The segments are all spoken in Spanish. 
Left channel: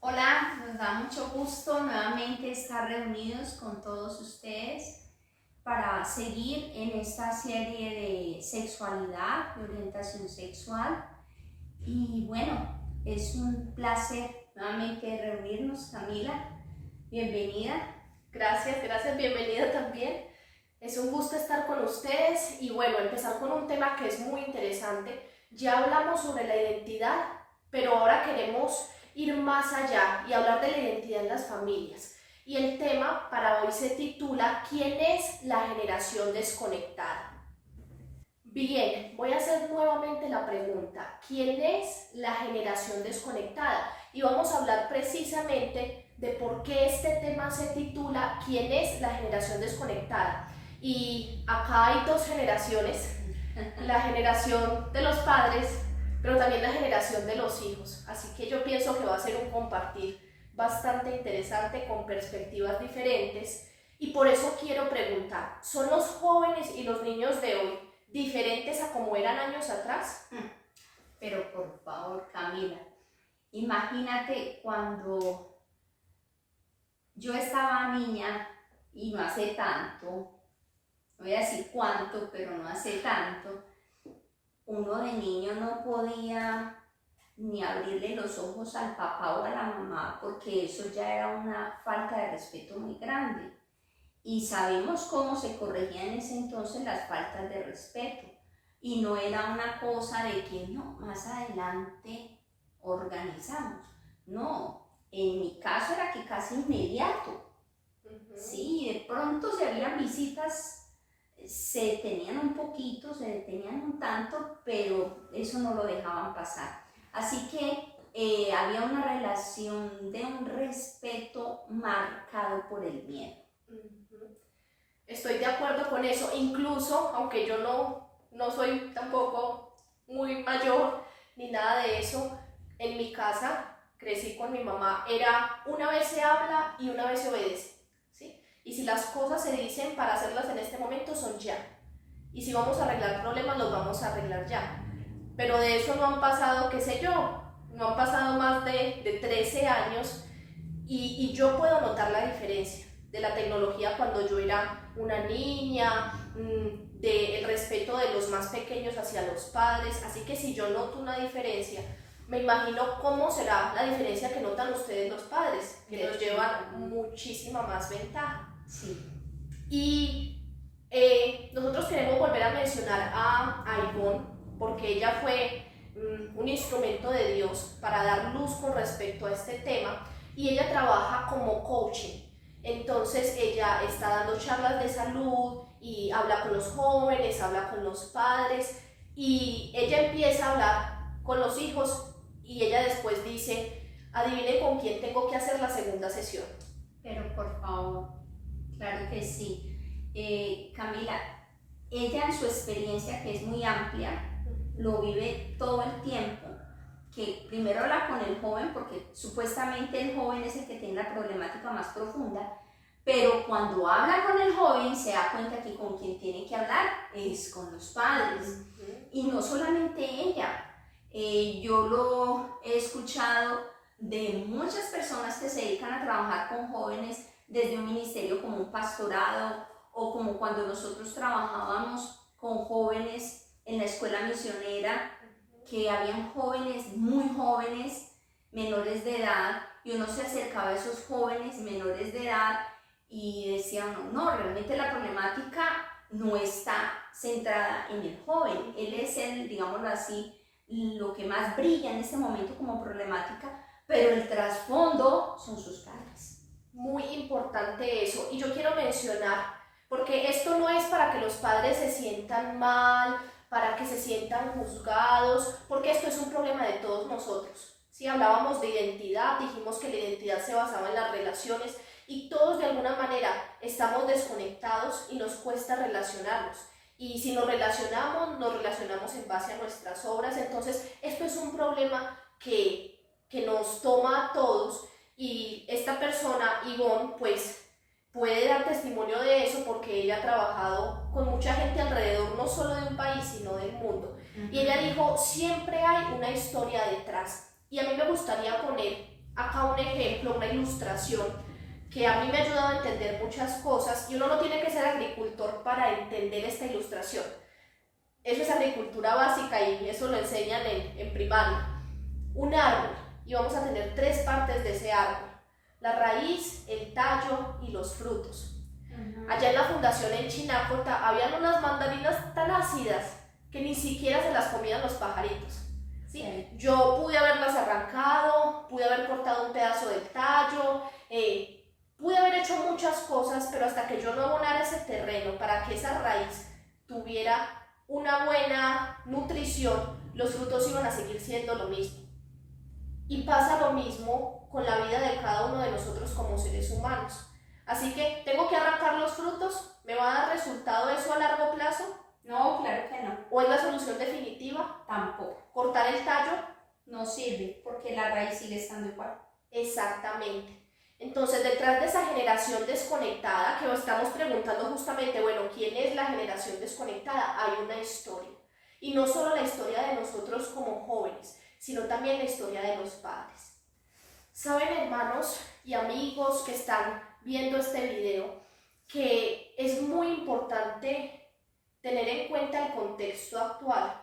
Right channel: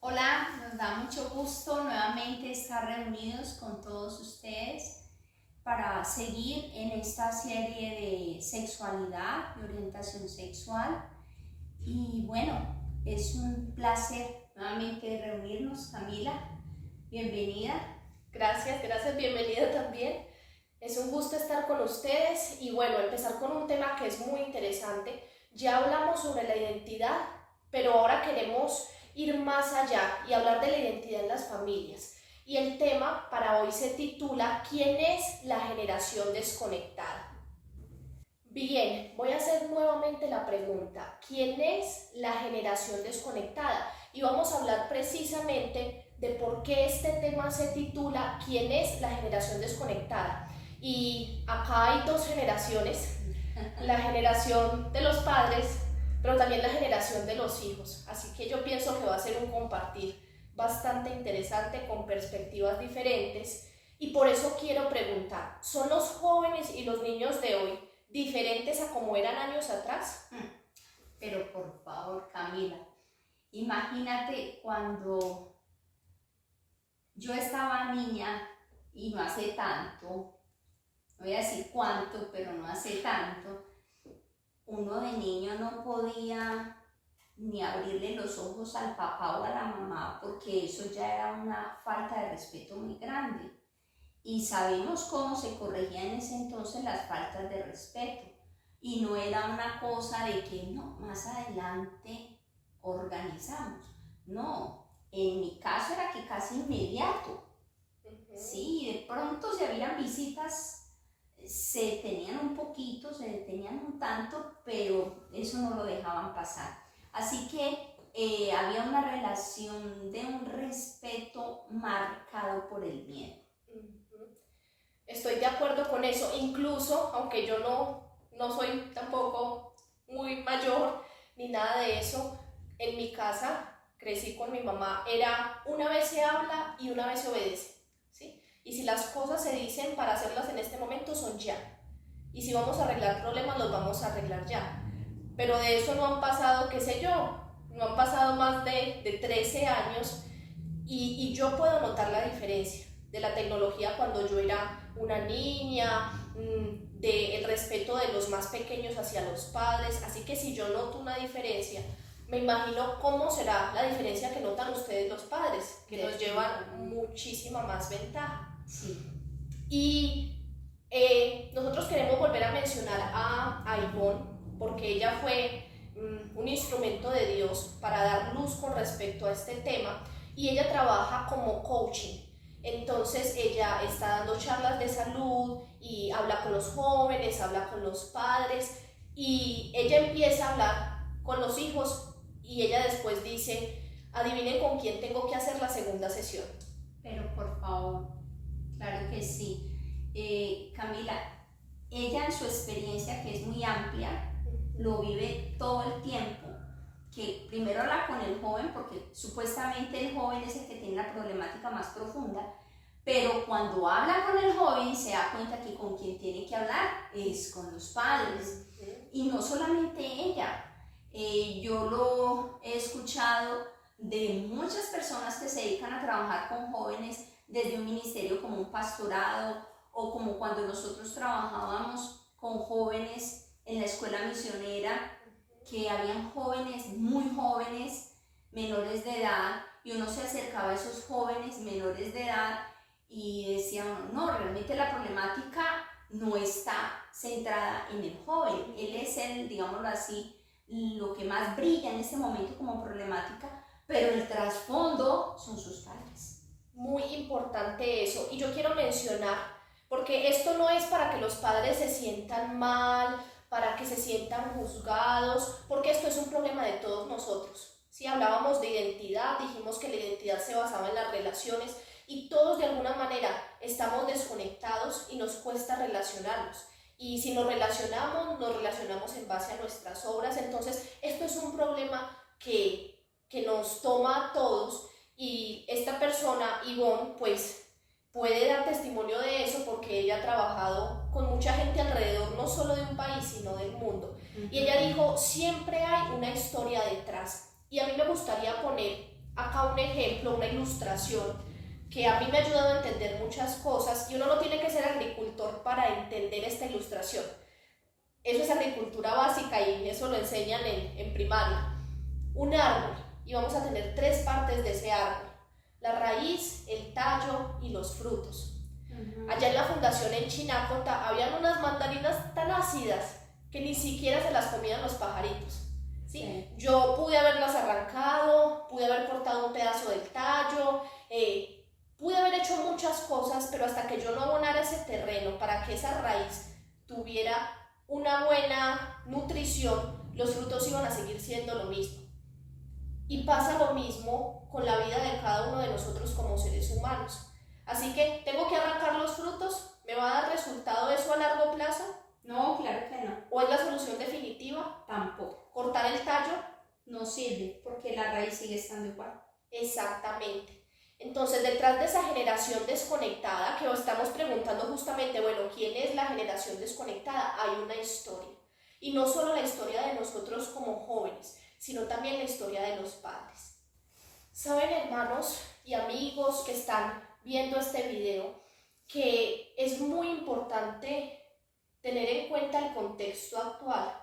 Hola, nos da mucho gusto nuevamente estar reunidos con todos ustedes para seguir en esta serie de sexualidad y orientación sexual. Y bueno, es un placer nuevamente reunirnos. Camila, bienvenida. Gracias, bienvenida también. Es un gusto estar con ustedes y bueno, empezar con un tema que es muy interesante. Ya hablamos sobre la identidad, pero ahora queremos ir más allá y hablar de la identidad en las familias. Y el tema para hoy se titula ¿Quién es la generación desconectada? Bien, voy a hacer nuevamente la pregunta. ¿Quién es la generación desconectada? Y vamos a hablar precisamente de por qué este tema se titula ¿Quién es la generación desconectada? Y acá hay dos generaciones, la generación de los padres, pero también la generación de los hijos. Así que yo pienso que va a ser un compartir bastante interesante con perspectivas diferentes. Y por eso quiero preguntar, ¿son los jóvenes y los niños de hoy diferentes a como eran años atrás? Pero por favor, Camila, imagínate cuando yo estaba niña y no hace tanto, no voy a decir cuánto, pero no hace tanto, uno de niño no podía ni abrirle los ojos al papá o a la mamá porque eso ya era una falta de respeto muy grande. Y sabemos cómo se corregían en ese entonces las faltas de respeto. Y no era una cosa de que no, más adelante organizamos. No, en mi caso era que casi inmediato. Sí, de pronto si habían visitas, se detenían un poquito, se detenían un tanto, pero eso no lo dejaban pasar. Así que había una relación de un respeto marcado por el miedo. Estoy de acuerdo con eso, incluso aunque yo no soy tampoco muy mayor ni nada de eso, en mi casa crecí con mi mamá, era una vez se habla y una vez se obedece, ¿sí? Y si las cosas se dicen para hacerlas en este momento son ya, y si vamos a arreglar problemas los vamos a arreglar ya, pero de eso no han pasado, qué sé yo, no han pasado más de 13 años y yo puedo notar la diferencia de la tecnología cuando yo era una niña, del respeto de los más pequeños hacia los padres, así que si yo noto una diferencia, me imagino cómo será la diferencia que notan ustedes los padres, que nos llevan muchísima más ventaja. Sí. Y nosotros queremos volver a mencionar a Ivonne, porque ella fue un instrumento de Dios para dar luz con respecto a este tema, y ella trabaja como coaching. Entonces ella está dando charlas de salud y habla con los jóvenes, habla con los padres, y ella empieza a hablar con los hijos y ella después dice, adivinen con quién tengo que hacer la segunda sesión. Pero por favor, claro que sí. Camila, ella en su experiencia, que es muy amplia, lo vive todo el tiempo, que primero habla con el joven, porque supuestamente el joven es el que tiene la problemática más profunda, pero cuando habla con el joven se da cuenta que con quien tiene que hablar es con los padres. Y no solamente ella, yo lo he escuchado de muchas personas que se dedican a trabajar con jóvenes desde un ministerio como un pastorado o como cuando nosotros trabajábamos con jóvenes en la escuela misionera, que habían jóvenes muy jóvenes, menores de edad, y uno se acercaba a esos jóvenes menores de edad y decían, no, realmente la problemática no está centrada en el joven, él es el, digámoslo así, lo que más brilla en este momento como problemática, pero el trasfondo son sus padres. Muy importante eso. Y yo quiero mencionar, porque esto no es para que los padres se sientan mal, para que se sientan juzgados, porque esto es un problema de todos nosotros. Si hablábamos de identidad, dijimos que la identidad se basaba en las relaciones y todos de alguna manera estamos desconectados y nos cuesta relacionarnos. Y si nos relacionamos en base a nuestras obras. Entonces, esto es un problema que nos toma a todos y esta persona, Ivonne, pues puede dar testimonio de eso porque ella ha trabajado con mucha gente alrededor, no solo de un país, sino del mundo. Y ella dijo, siempre hay una historia detrás. Y a mí me gustaría poner acá un ejemplo, una ilustración que a mí me ha ayudado a entender muchas cosas, y uno no tiene que ser agricultor para entender esta ilustración. Eso es agricultura básica y eso lo enseñan en primaria. Un árbol, y vamos a tener 3 partes de ese árbol: la raíz, el tallo y los frutos. Allá en la fundación en Chinacota habían unas mandarinas tan ácidas que ni siquiera se las comían los pajaritos. ¿Sí? Sí. Yo pude haberlas arrancado, pude haber cortado un pedazo del tallo, pude haber hecho muchas cosas, pero hasta que yo no abonara ese terreno para que esa raíz tuviera una buena nutrición, los frutos iban a seguir siendo lo mismo. Y pasa lo mismo con la vida de cada uno de nosotros como seres humanos. Así que, ¿tengo que arrancar los frutos? ¿Me va a dar resultado eso a largo plazo? No, claro que no. ¿O es la solución definitiva? Tampoco. ¿Cortar el tallo? No sirve, porque la raíz sigue estando igual. Exactamente. Entonces, detrás de esa generación desconectada, que nos estamos preguntando justamente, bueno, ¿quién es la generación desconectada? Hay una historia. Y no solo la historia de nosotros como jóvenes, sino también la historia de los padres. Saben, hermanos y amigos que están viendo este video, que es muy importante tener en cuenta el contexto actual.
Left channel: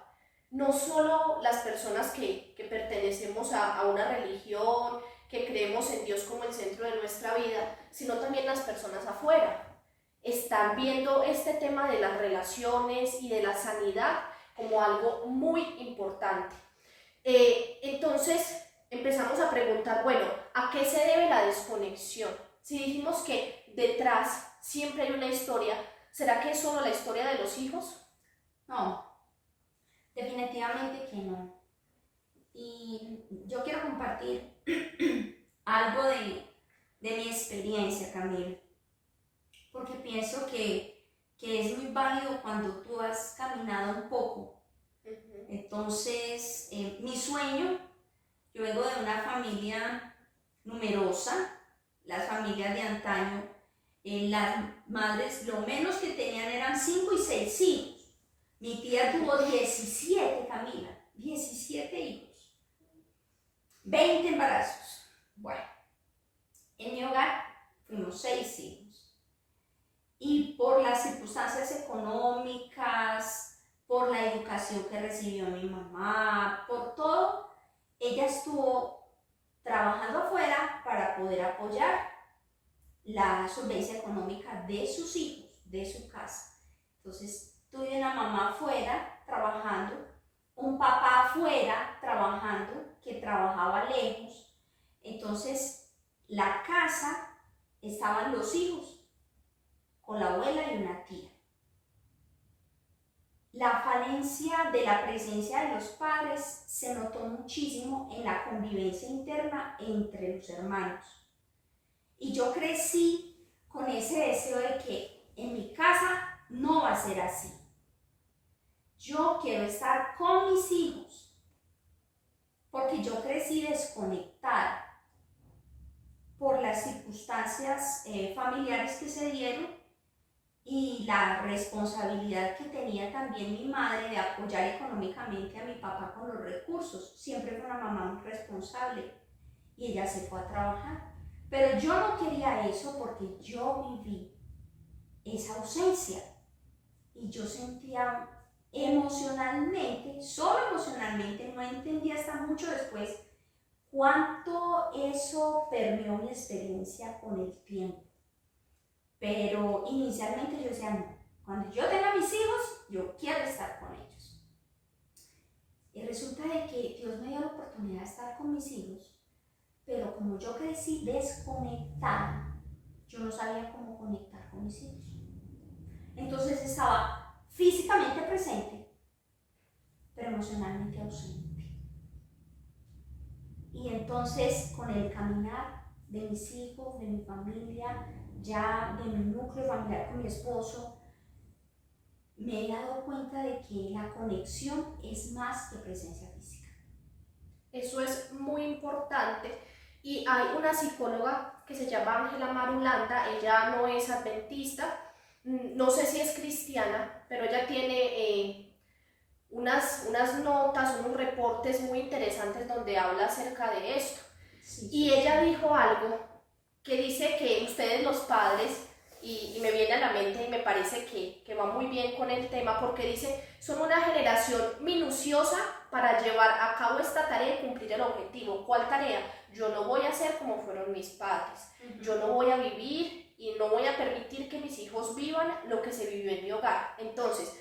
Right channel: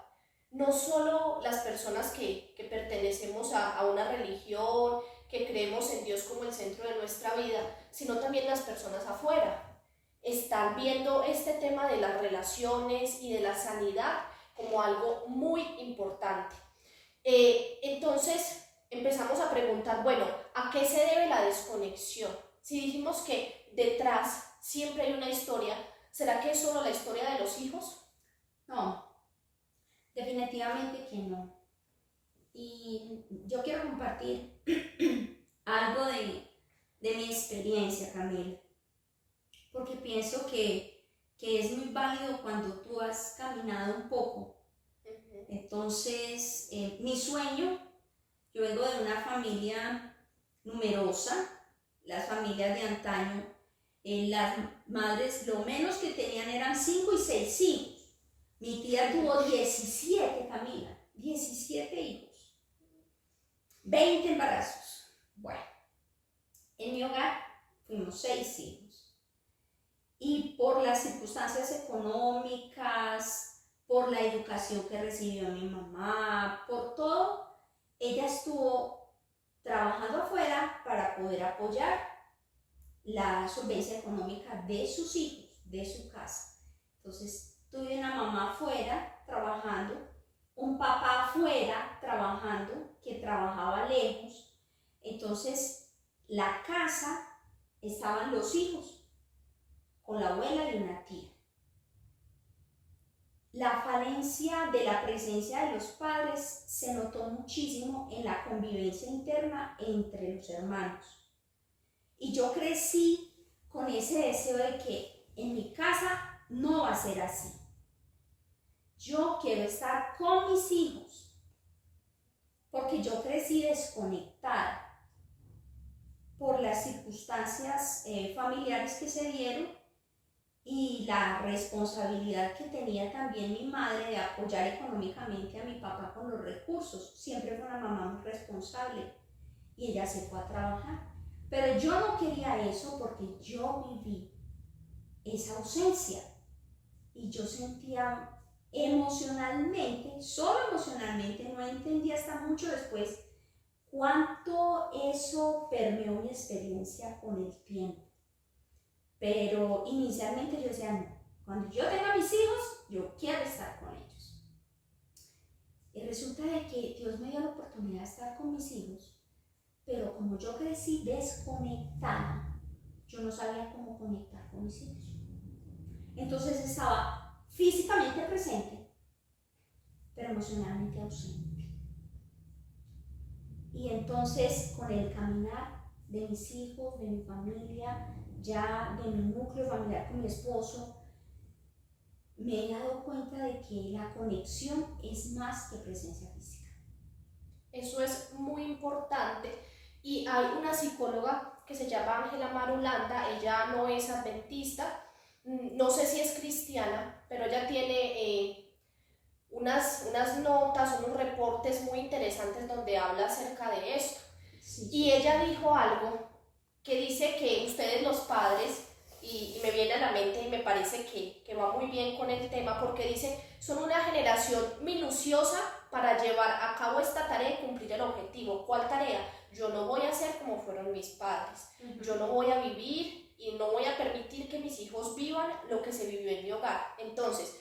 No solo las personas que pertenecemos a una religión, que creemos en Dios como el centro de nuestra vida, sino también las personas afuera. Están viendo este tema de las relaciones y de la sanidad como algo muy importante. Entonces empezamos a preguntar, bueno, ¿a qué se debe la desconexión? Si dijimos que detrás siempre hay una historia, ¿será que es solo la historia de los hijos? No, definitivamente que no. Y yo quiero compartir algo de mi experiencia, Camila, porque pienso que es muy válido cuando tú has caminado un poco. Entonces, mi sueño, yo vengo de una familia numerosa, las familias de antaño, las madres lo menos que tenían eran 5 y 6 hijos. Mi tía tuvo 17, Camila, 17 hijos, 20 embarazos. Bueno, en mi hogar fuimos 6 hijos. Y por las circunstancias económicas, por la educación que recibió mi mamá, por todo, ella estuvo trabajando afuera para poder apoyar la solvencia económica de sus hijos, de su casa. Entonces, tuve una mamá afuera trabajando, un papá afuera trabajando, que trabajaba lejos. Entonces, la casa, estaban los hijos, con la abuela y una tía. La falencia de la presencia de los padres se notó muchísimo en la convivencia interna entre los hermanos. Y yo crecí con ese deseo de que en mi casa no va a ser así. Yo quiero estar con mis hijos, porque yo crecí desconectada por las circunstancias familiares que se dieron y la responsabilidad que tenía también mi madre de apoyar económicamente a mi papá con los recursos. Siempre fue una mamá muy responsable y ella se fue a trabajar. Pero yo no quería eso porque yo viví esa ausencia y yo sentía emocionalmente, solo emocionalmente, no entendí hasta mucho después cuánto eso permeó mi experiencia con el tiempo. Pero inicialmente yo decía, no, cuando yo tenga mis hijos, yo quiero estar con ellos. Y resulta de que Dios me dio la oportunidad de estar con mis hijos, pero como yo crecí desconectada, yo no sabía cómo conectar con mis hijos. Entonces estaba físicamente presente, pero emocionalmente ausente. Y entonces con el caminar de mis hijos, de mi familia, ya de mi núcleo familiar con mi esposo, me he dado cuenta de que la conexión es más que presencia física. Eso es muy importante. Y hay una psicóloga que se llama Ángela Marulanda, ella no es adventista, no sé si es cristiana, pero ella tiene unas notas, unos reportes muy interesantes donde habla acerca de esto. Sí, Y ella dijo algo que dice que ustedes los padres, y me viene a la mente y me parece que va muy bien con el tema, porque dice, son una generación minuciosa para llevar a cabo esta tarea y cumplir el objetivo. ¿Cuál tarea? Yo no voy a ser como fueron mis padres, yo no voy a vivir y no voy a permitir que mis hijos vivan lo que se vivió en mi hogar. Entonces,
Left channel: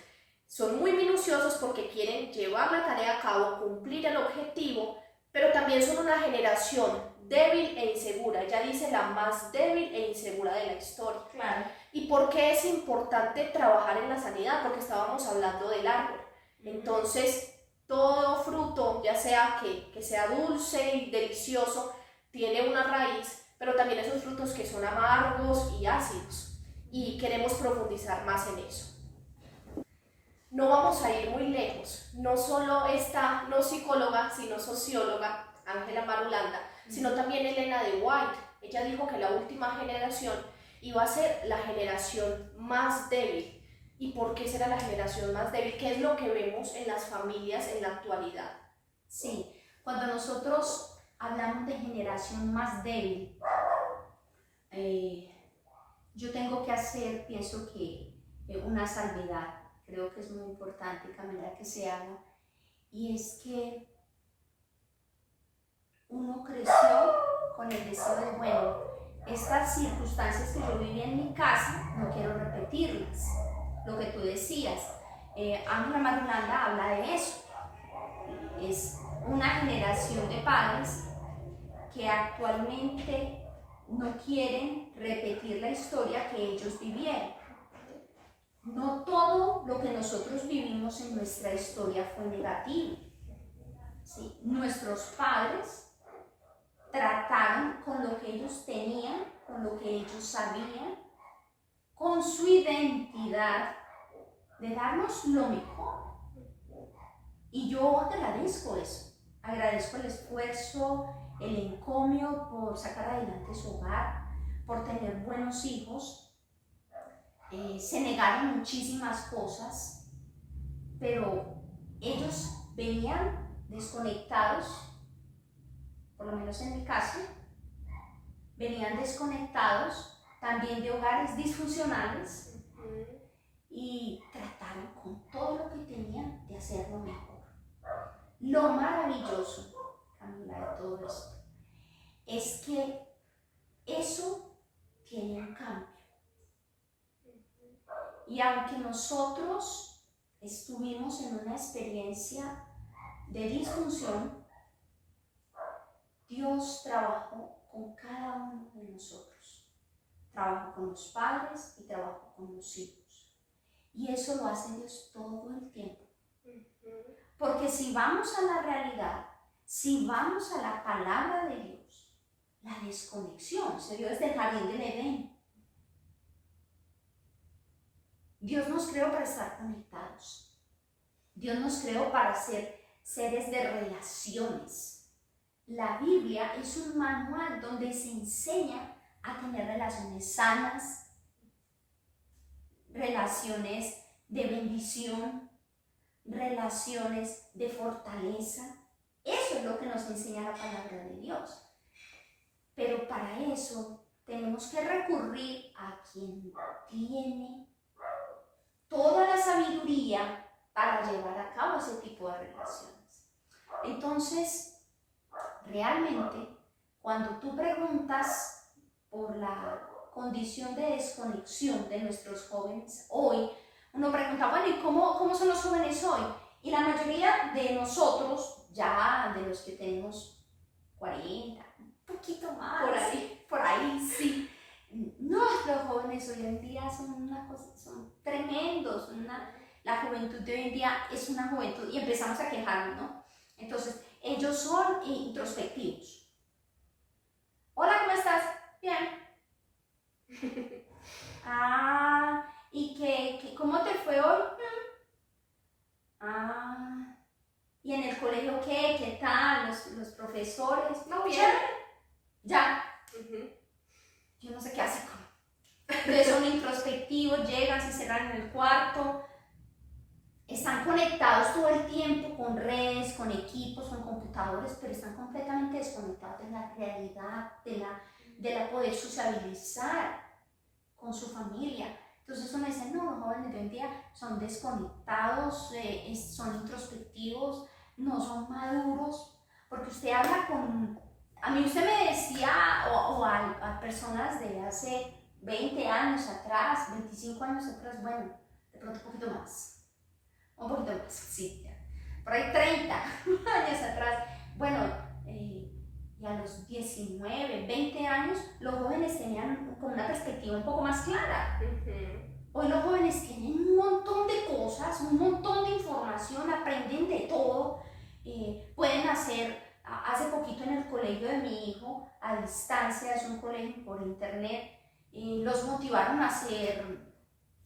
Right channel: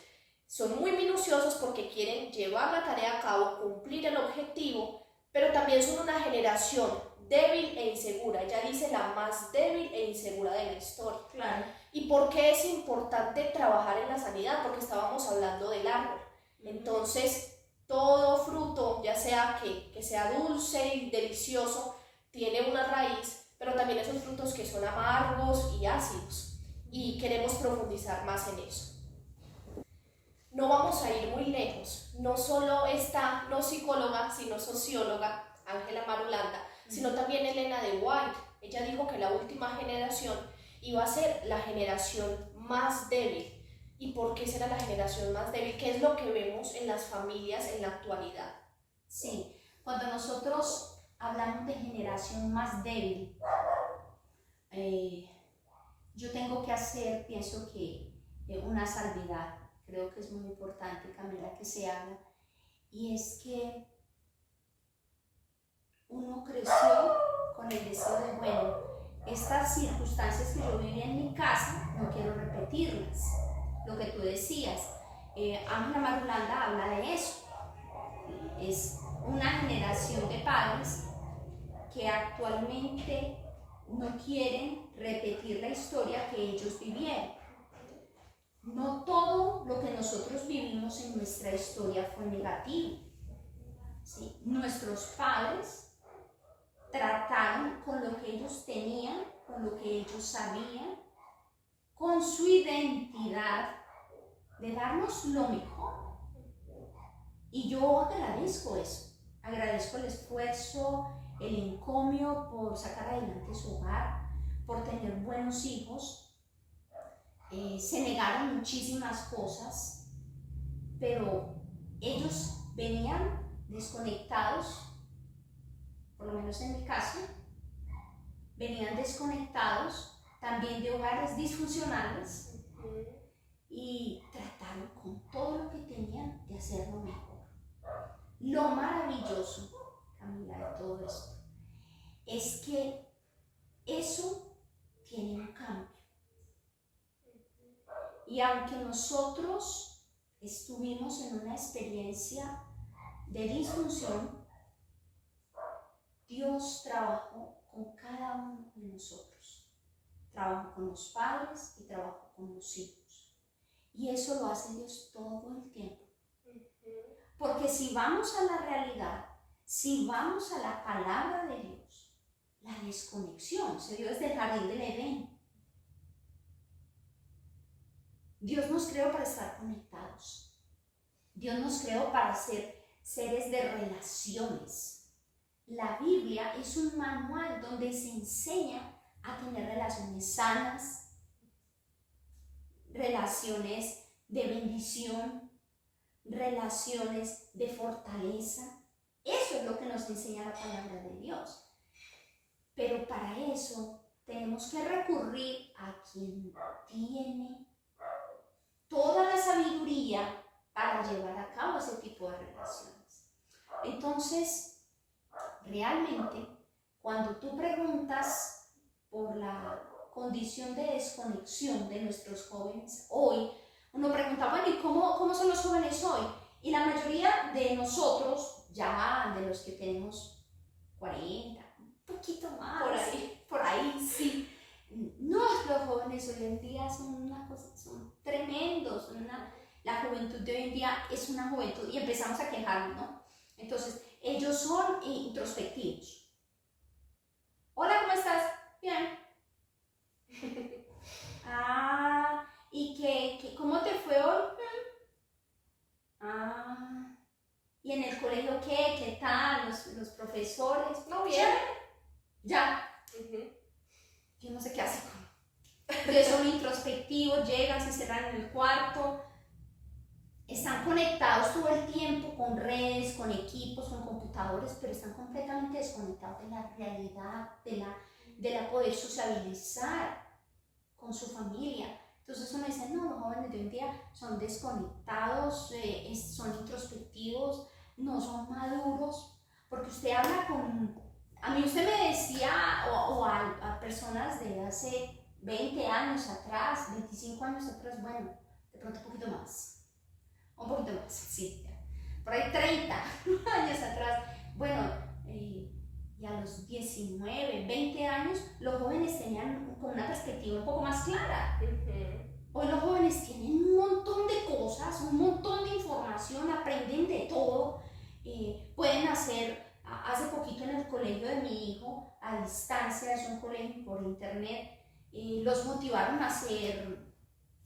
son muy minuciosos porque quieren llevar la tarea a cabo, cumplir el objetivo, pero también son una generación débil e insegura. Ella dice la más débil e insegura de la historia. Claro. ¿Y por qué es importante trabajar en la sanidad? Porque estábamos hablando del árbol. Entonces, todo fruto, ya sea que sea dulce y delicioso, tiene una raíz, pero también esos frutos que son amargos y ácidos. Y queremos profundizar más en eso. No vamos a ir muy lejos. No solo esta, no psicóloga, sino socióloga, Ángela Marulanda, sino también Elena de White. Ella dijo que la última generación iba a ser la generación más débil. ¿Y por qué será la generación más débil? ¿Qué es lo que vemos en las familias en la actualidad? Sí, cuando nosotros hablamos de generación más débil, yo tengo que hacer, pienso que una salvedad, creo que es muy importante, Camila, que se haga, y es que uno creció con el deseo de, bueno, estas circunstancias que yo viví en mi casa, no quiero repetirlas. Lo que tú decías, Ángela Marulanda habla de eso. Es una generación de padres que actualmente no quieren repetir la historia que ellos vivieron. No todo lo que nosotros vivimos en nuestra historia fue negativo. ¿Sí? Nuestros padres trataron con lo que ellos tenían, con lo que ellos sabían, con su identidad, de darnos lo mejor. Y yo agradezco eso, agradezco el esfuerzo, el encomio por sacar adelante su hogar, por tener buenos hijos. Se negaron muchísimas cosas, pero ellos venían desconectados, por lo menos en mi caso, venían desconectados también de hogares disfuncionales y trataron con todo lo que tenían de hacerlo mejor. Lo maravilloso, Camila, de todo esto, es que eso tiene un cambio. Y aunque nosotros estuvimos en una experiencia de disfunción, Dios trabajó con cada uno de nosotros. Trabajó con los padres y trabajó con los hijos. Y eso lo hace Dios todo el tiempo. Porque si vamos a la realidad, si vamos a la palabra de Dios, la desconexión se dio desde el jardín del Edén. Dios nos creó para estar conectados. Dios nos creó para ser seres de relaciones. La Biblia es un manual donde se enseña a tener relaciones sanas, relaciones de bendición, relaciones de fortaleza. Eso es lo que nos enseña la palabra de Dios. Pero para eso tenemos que recurrir a quien tiene toda la sabiduría para llevar a cabo ese tipo de relaciones. Entonces, realmente, cuando tú preguntas por la condición de desconexión de nuestros jóvenes hoy, uno pregunta, bueno, ¿y cómo son los jóvenes hoy? Y la mayoría de nosotros, ya de los que tenemos 40, un poquito más, por ahí sí. No, los jóvenes hoy en día son una cosa, son tremendos, la juventud de hoy en día es una juventud, y empezamos a quejarnos, ¿no? Entonces, ellos son introspectivos. Hola, ¿cómo estás? Bien. ¿Y cómo te fue hoy? ¿Y en el colegio qué? ¿Qué tal? ¿Los profesores? No, bien. Ya. Yo no sé qué hacen. Entonces son introspectivos, llegan, se cierran en el cuarto. están conectados todo el tiempo con redes, con equipos, con computadores, pero están completamente desconectados de la realidad, de la poder sociabilizar con su familia. Entonces uno dice, no, los jóvenes de hoy en día son desconectados, son introspectivos, no son maduros, porque usted habla con... A mí usted me decía, o a personas de hace 20 años atrás, 25 años atrás, bueno, de pronto un poquito más. Un poquito más, sí, ya. Por ahí 30 años atrás. Bueno, y a los 19, 20 años, los jóvenes tenían como una perspectiva un poco más clara. Hoy los jóvenes tienen un montón de cosas, un montón de información, aprenden de todo. Pueden hacer, hace poquito en el colegio de mi hijo, a distancia, es un colegio por internet, los motivaron a hacer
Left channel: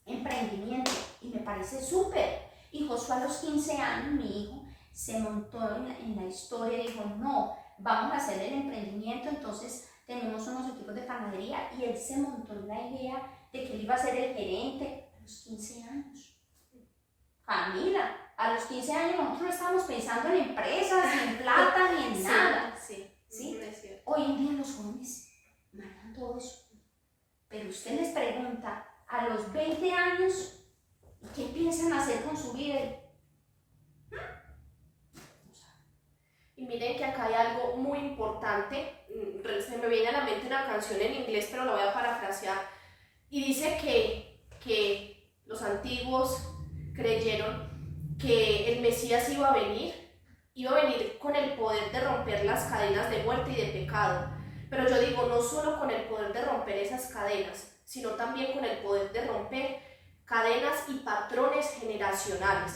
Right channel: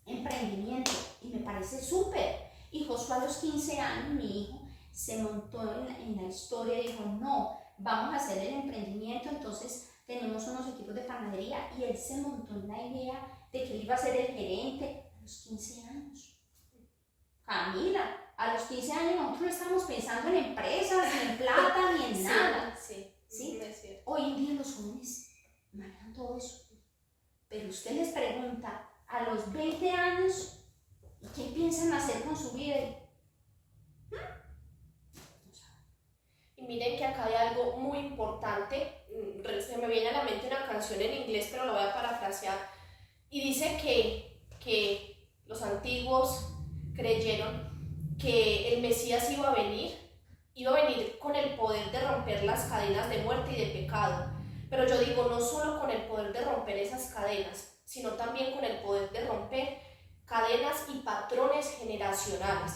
emprendimiento y me parece súper. Y Josué a los 15 años, mi hijo, se montó en la historia y dijo, no, vamos a hacer el emprendimiento, entonces tenemos unos equipos de panadería y él se montó en la idea de que él iba a ser el gerente a los 15 años. Camila, a los 15 años nosotros no estábamos pensando en empresas, ni en plata, ni en nada. Sí, ¿Sí? Hoy en día los jóvenes manejan todo eso. Pero usted les pregunta a los 20 años, ¿qué piensan hacer con su vida? Y miren que acá hay algo muy importante, se me viene a la mente una canción en inglés, pero lo voy a parafrasear, y dice que los antiguos creyeron que el Mesías iba a venir con el poder de romper las cadenas de muerte y de pecado, pero yo digo, no solo con el poder de romper esas cadenas, sino también con el poder de romper cadenas y patrones generacionales.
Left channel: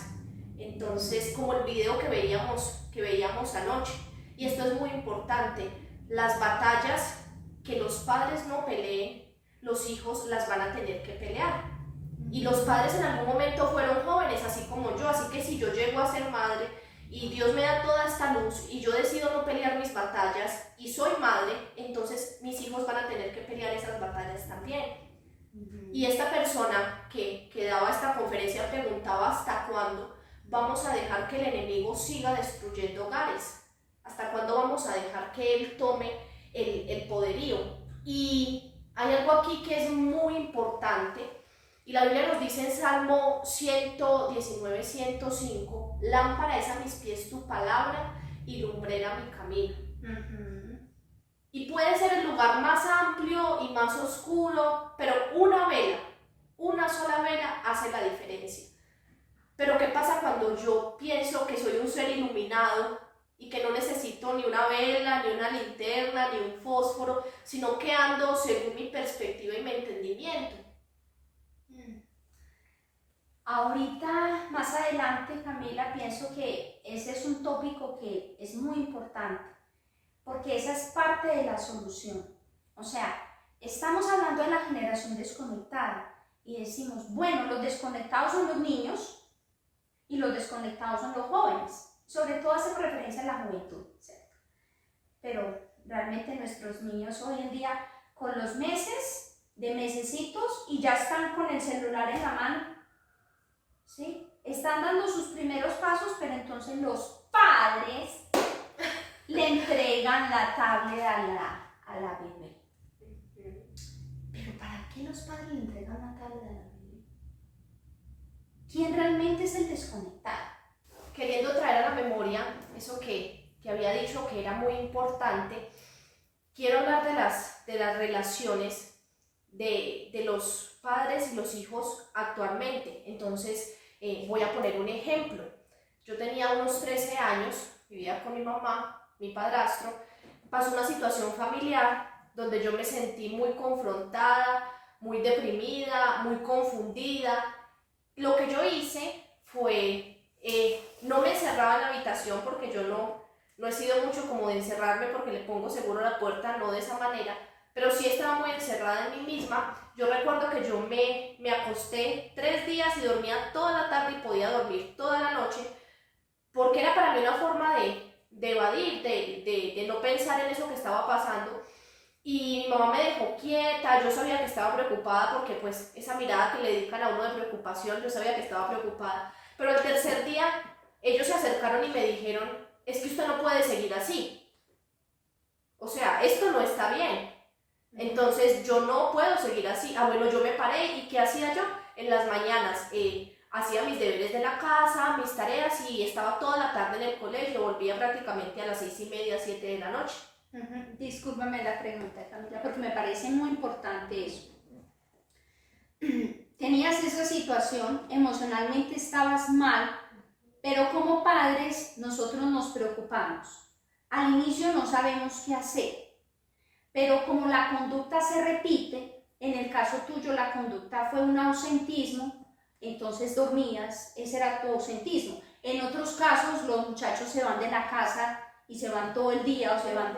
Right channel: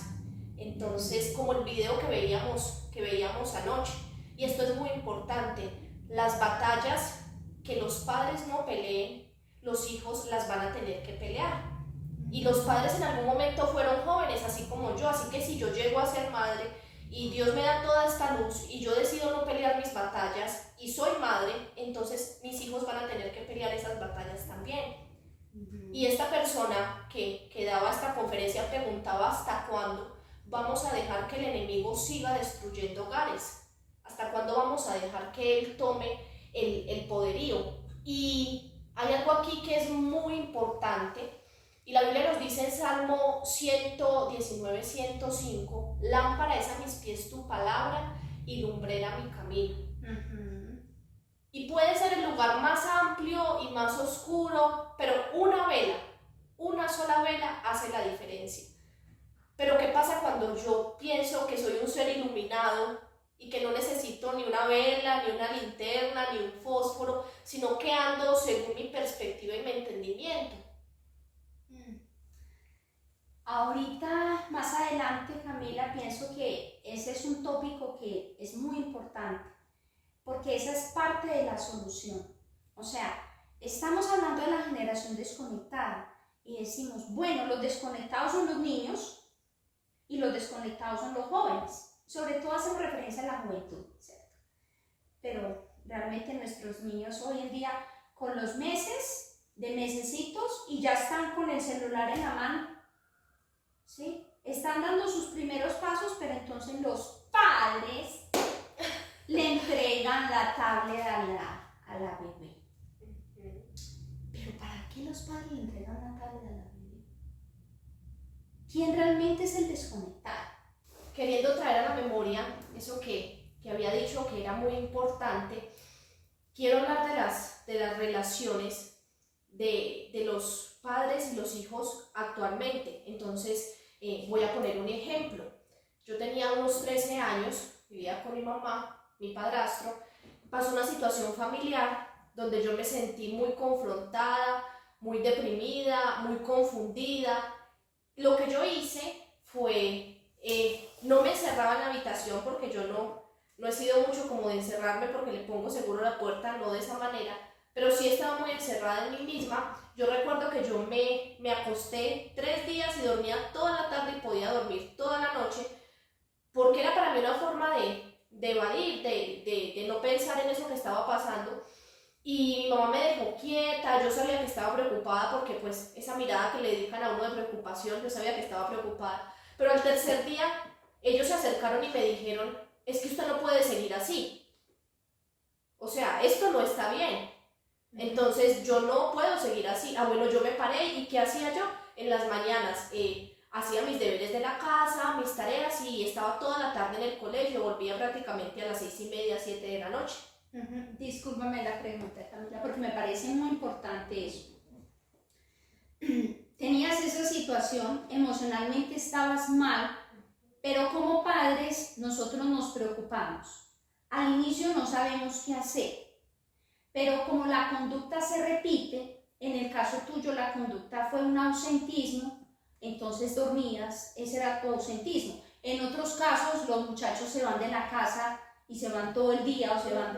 Entonces, como el video que veíamos anoche, y esto es muy importante, las batallas que los padres no peleen, los hijos las van a tener que pelear. Y los padres en algún momento fueron jóvenes, así como yo, así que si yo llego a ser madre y Dios me da toda esta luz y yo decido no pelear mis batallas y soy madre, entonces mis hijos van a tener que pelear esas batallas también. Y esta persona que daba esta conferencia preguntaba hasta cuándo vamos a dejar que el enemigo siga destruyendo hogares, hasta cuándo vamos a dejar que él tome el poderío. Y hay algo aquí que es muy importante, y la Biblia nos dice en Salmo 119, 105, lámpara es a mis pies tu palabra y lumbrera mi camino. Y puede ser el lugar más amplio y más oscuro, pero una sola vela hace la diferencia. Pero ¿qué pasa cuando yo pienso que soy un ser iluminado y que no necesito ni una vela, ni una linterna, ni un fósforo, sino que ando según mi perspectiva y mi entendimiento? Ahorita, más adelante, Camila, pienso que ese es un tópico que es muy importante, porque esa es parte de la solución. O sea, estamos hablando de la generación desconectada y decimos, bueno, los desconectados son los niños y los desconectados son los jóvenes. Sobre todo hacemos referencia a la juventud, ¿cierto? Pero realmente nuestros niños hoy en día, con los meses, de mesecitos, y ya están con el celular en la mano, ¿sí? Están dando sus primeros pasos, pero entonces los padres le entregan la tablet a la bebé. Pero ¿para qué los padres le entregan la tablet a la bebé? ¿Quién realmente es el desconectado? Queriendo traer a la memoria eso que había dicho que era muy importante, quiero hablar de las relaciones de los padres y los hijos actualmente. Entonces voy a poner un ejemplo. Yo tenía unos 13 años, vivía con mi mamá, mi padrastro. Pasó una situación familiar donde yo me sentí muy confrontada, muy deprimida, muy confundida. Lo que yo hice fue, no me encerraba en la habitación, porque yo no he sido mucho como de encerrarme porque le pongo seguro la puerta, no de esa manera, pero sí estaba muy encerrada en mí misma. Yo recuerdo que yo me acosté 3 días y dormía toda la tarde y podía dormir toda la noche, porque era para mí una forma de evadir, de no pensar en eso que estaba pasando. Y mi mamá me dejó quieta. Yo sabía que estaba preocupada, porque pues esa mirada que le dedican a uno de preocupación, yo sabía que estaba preocupada, Pero el tercer día ellos se acercaron y me dijeron, es que usted no puede seguir así. O sea, esto no está bien. Entonces yo no puedo seguir así. Ah, bueno, yo me paré y ¿qué hacía yo? En las mañanas hacía mis deberes de la casa, mis tareas y estaba toda la tarde en el colegio, volvía prácticamente a las 6:30, 7 de la noche. Discúlpame la pregunta, Camila, porque me parece muy importante eso. Tenías esa situación, emocionalmente estabas mal, pero como padres nosotros nos preocupamos. Al inicio no sabemos qué hacer, pero como la conducta se repite, en el caso tuyo la conducta fue un ausentismo, entonces dormías, ese era tu ausentismo. En otros casos los muchachos se van de la casa y se van todo el día o se van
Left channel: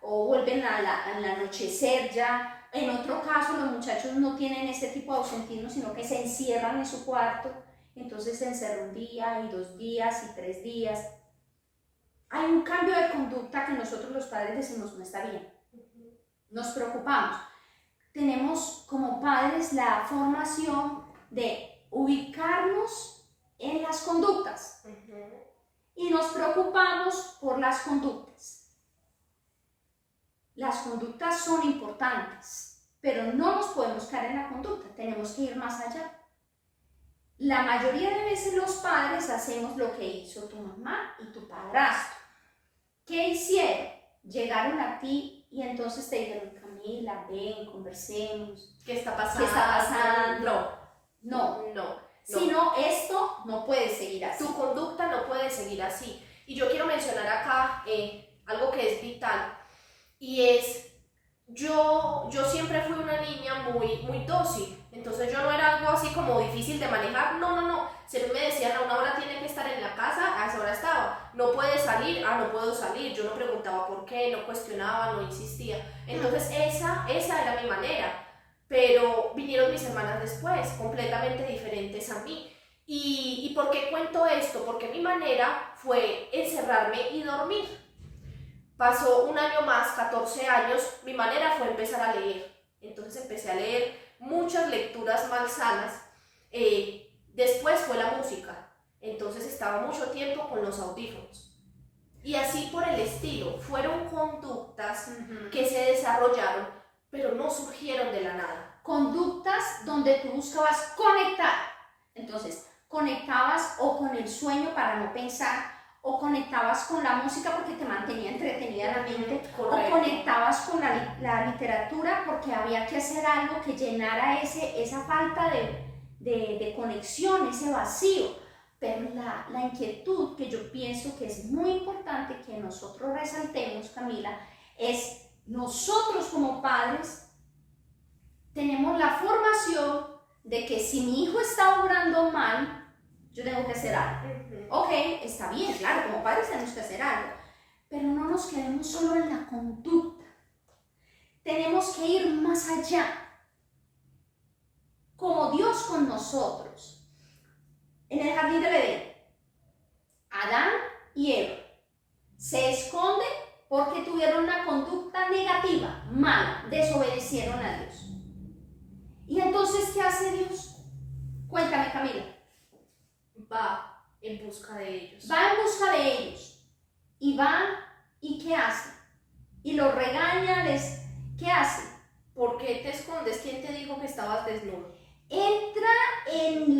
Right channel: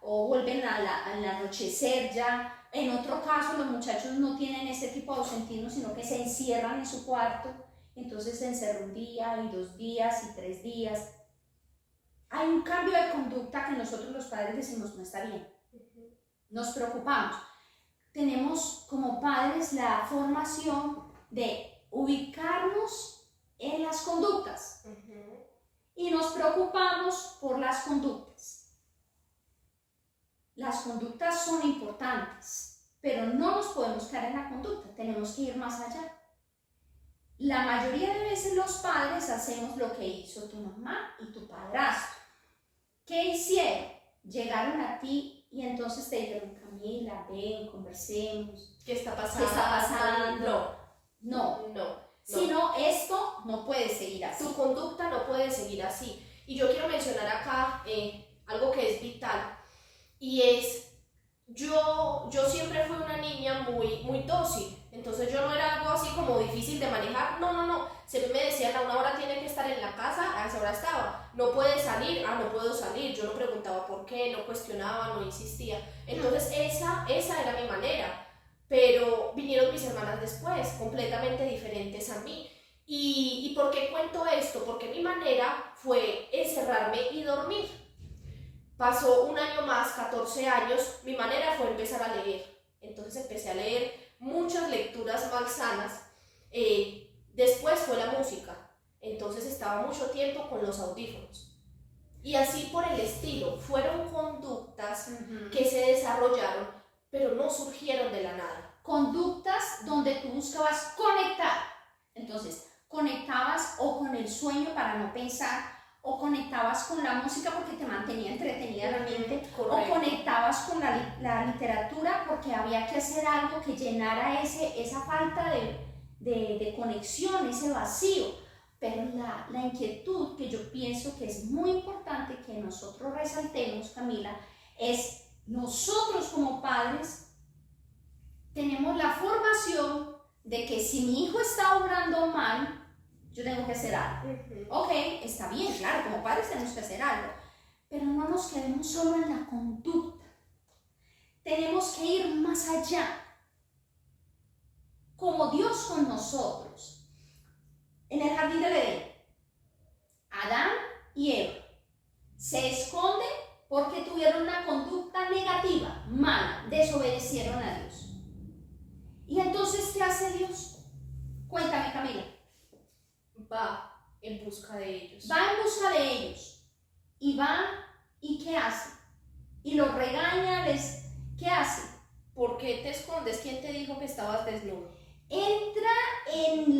o vuelven al anochecer ya. En otro caso los muchachos no tienen ese tipo de ausentismo, sino que se encierran en su cuarto, entonces se encerra un día y 2 días y 3 días. Hay un cambio de conducta que nosotros los padres decimos no está bien. Nos preocupamos. Tenemos como padres la formación de ubicarnos en las conductas y nos preocupamos por las conductas. Las conductas son importantes, pero no nos podemos quedar en la conducta, tenemos que ir más allá. La mayoría de veces los padres hacemos lo que hizo tu mamá y tu padrastro. ¿Qué hicieron? Llegaron a ti y entonces te dijeron, Camila, ven, conversemos. ¿Qué está pasando? ¿Qué está pasando? No. Sino esto no puede seguir así. Tu conducta no puede seguir así. Y yo quiero mencionar acá algo que es vital. Y es, yo siempre fui una niña muy dócil. Entonces yo no era algo así como difícil de manejar. No. Siempre me decían, a una hora tiene que estar en la casa, a esa hora estaba. No puede salir, no puedo salir. Yo no preguntaba por qué, no cuestionaba, no insistía. Entonces esa era mi manera. Pero vinieron mis hermanas después, completamente diferentes a mí. ¿Y por qué cuento esto? Porque mi manera fue encerrarme y dormir. Pasó un año más, 14 años, mi manera fue empezar a leer. Entonces empecé a leer muchas lecturas malsanas. Después fue la música. Entonces estaba mucho tiempo con los audífonos. Y así por el estilo, fueron conductas que se desarrollaron, pero no surgieron de la nada. Conductas donde tú buscabas conectar. Entonces, conectabas o con el sueño para no pensar, o conectabas con la música porque te mantenía entretenida la mente, Correcto. O conectabas con la literatura porque había que hacer algo que llenara esa falta de conexión, ese vacío. Pero la inquietud que yo pienso que es muy importante que nosotros resaltemos, Camila, es nosotros como padres tenemos la formación de que si mi hijo está obrando mal, yo tengo que hacer algo. Ok, está bien, claro, como padres tenemos que hacer algo, pero no nos quedemos solo en la conducta. Tenemos que ir más allá, como Dios con nosotros. En el jardín del Edén, Adán y Eva se esconden porque tuvieron una conducta negativa, mala, desobedecieron a Dios. ¿Y entonces qué hace Dios? Cuéntame, Camila. Va en busca de ellos. Va en busca de ellos. Y va, ¿y qué hace? Y los regaña, ¿qué hace? ¿Por qué te escondes? ¿Quién te dijo que estabas desnudo? Entra en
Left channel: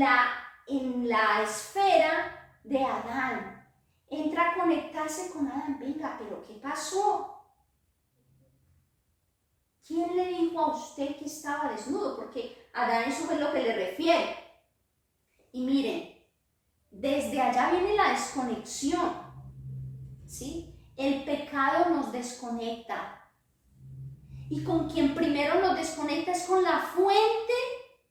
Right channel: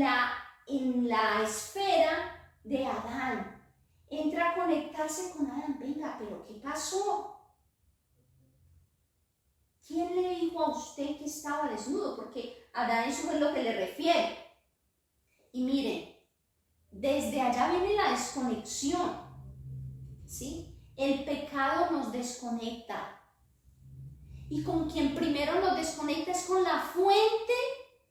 la esfera de Adán. Entra a conectarse con Adán. Venga, pero ¿qué pasó? ¿Quién le dijo a usted que estaba desnudo? Porque Adán eso es lo que le refiere. Y miren, desde allá viene la desconexión, ¿sí? El pecado nos desconecta. Y con quien primero nos desconecta es con la fuente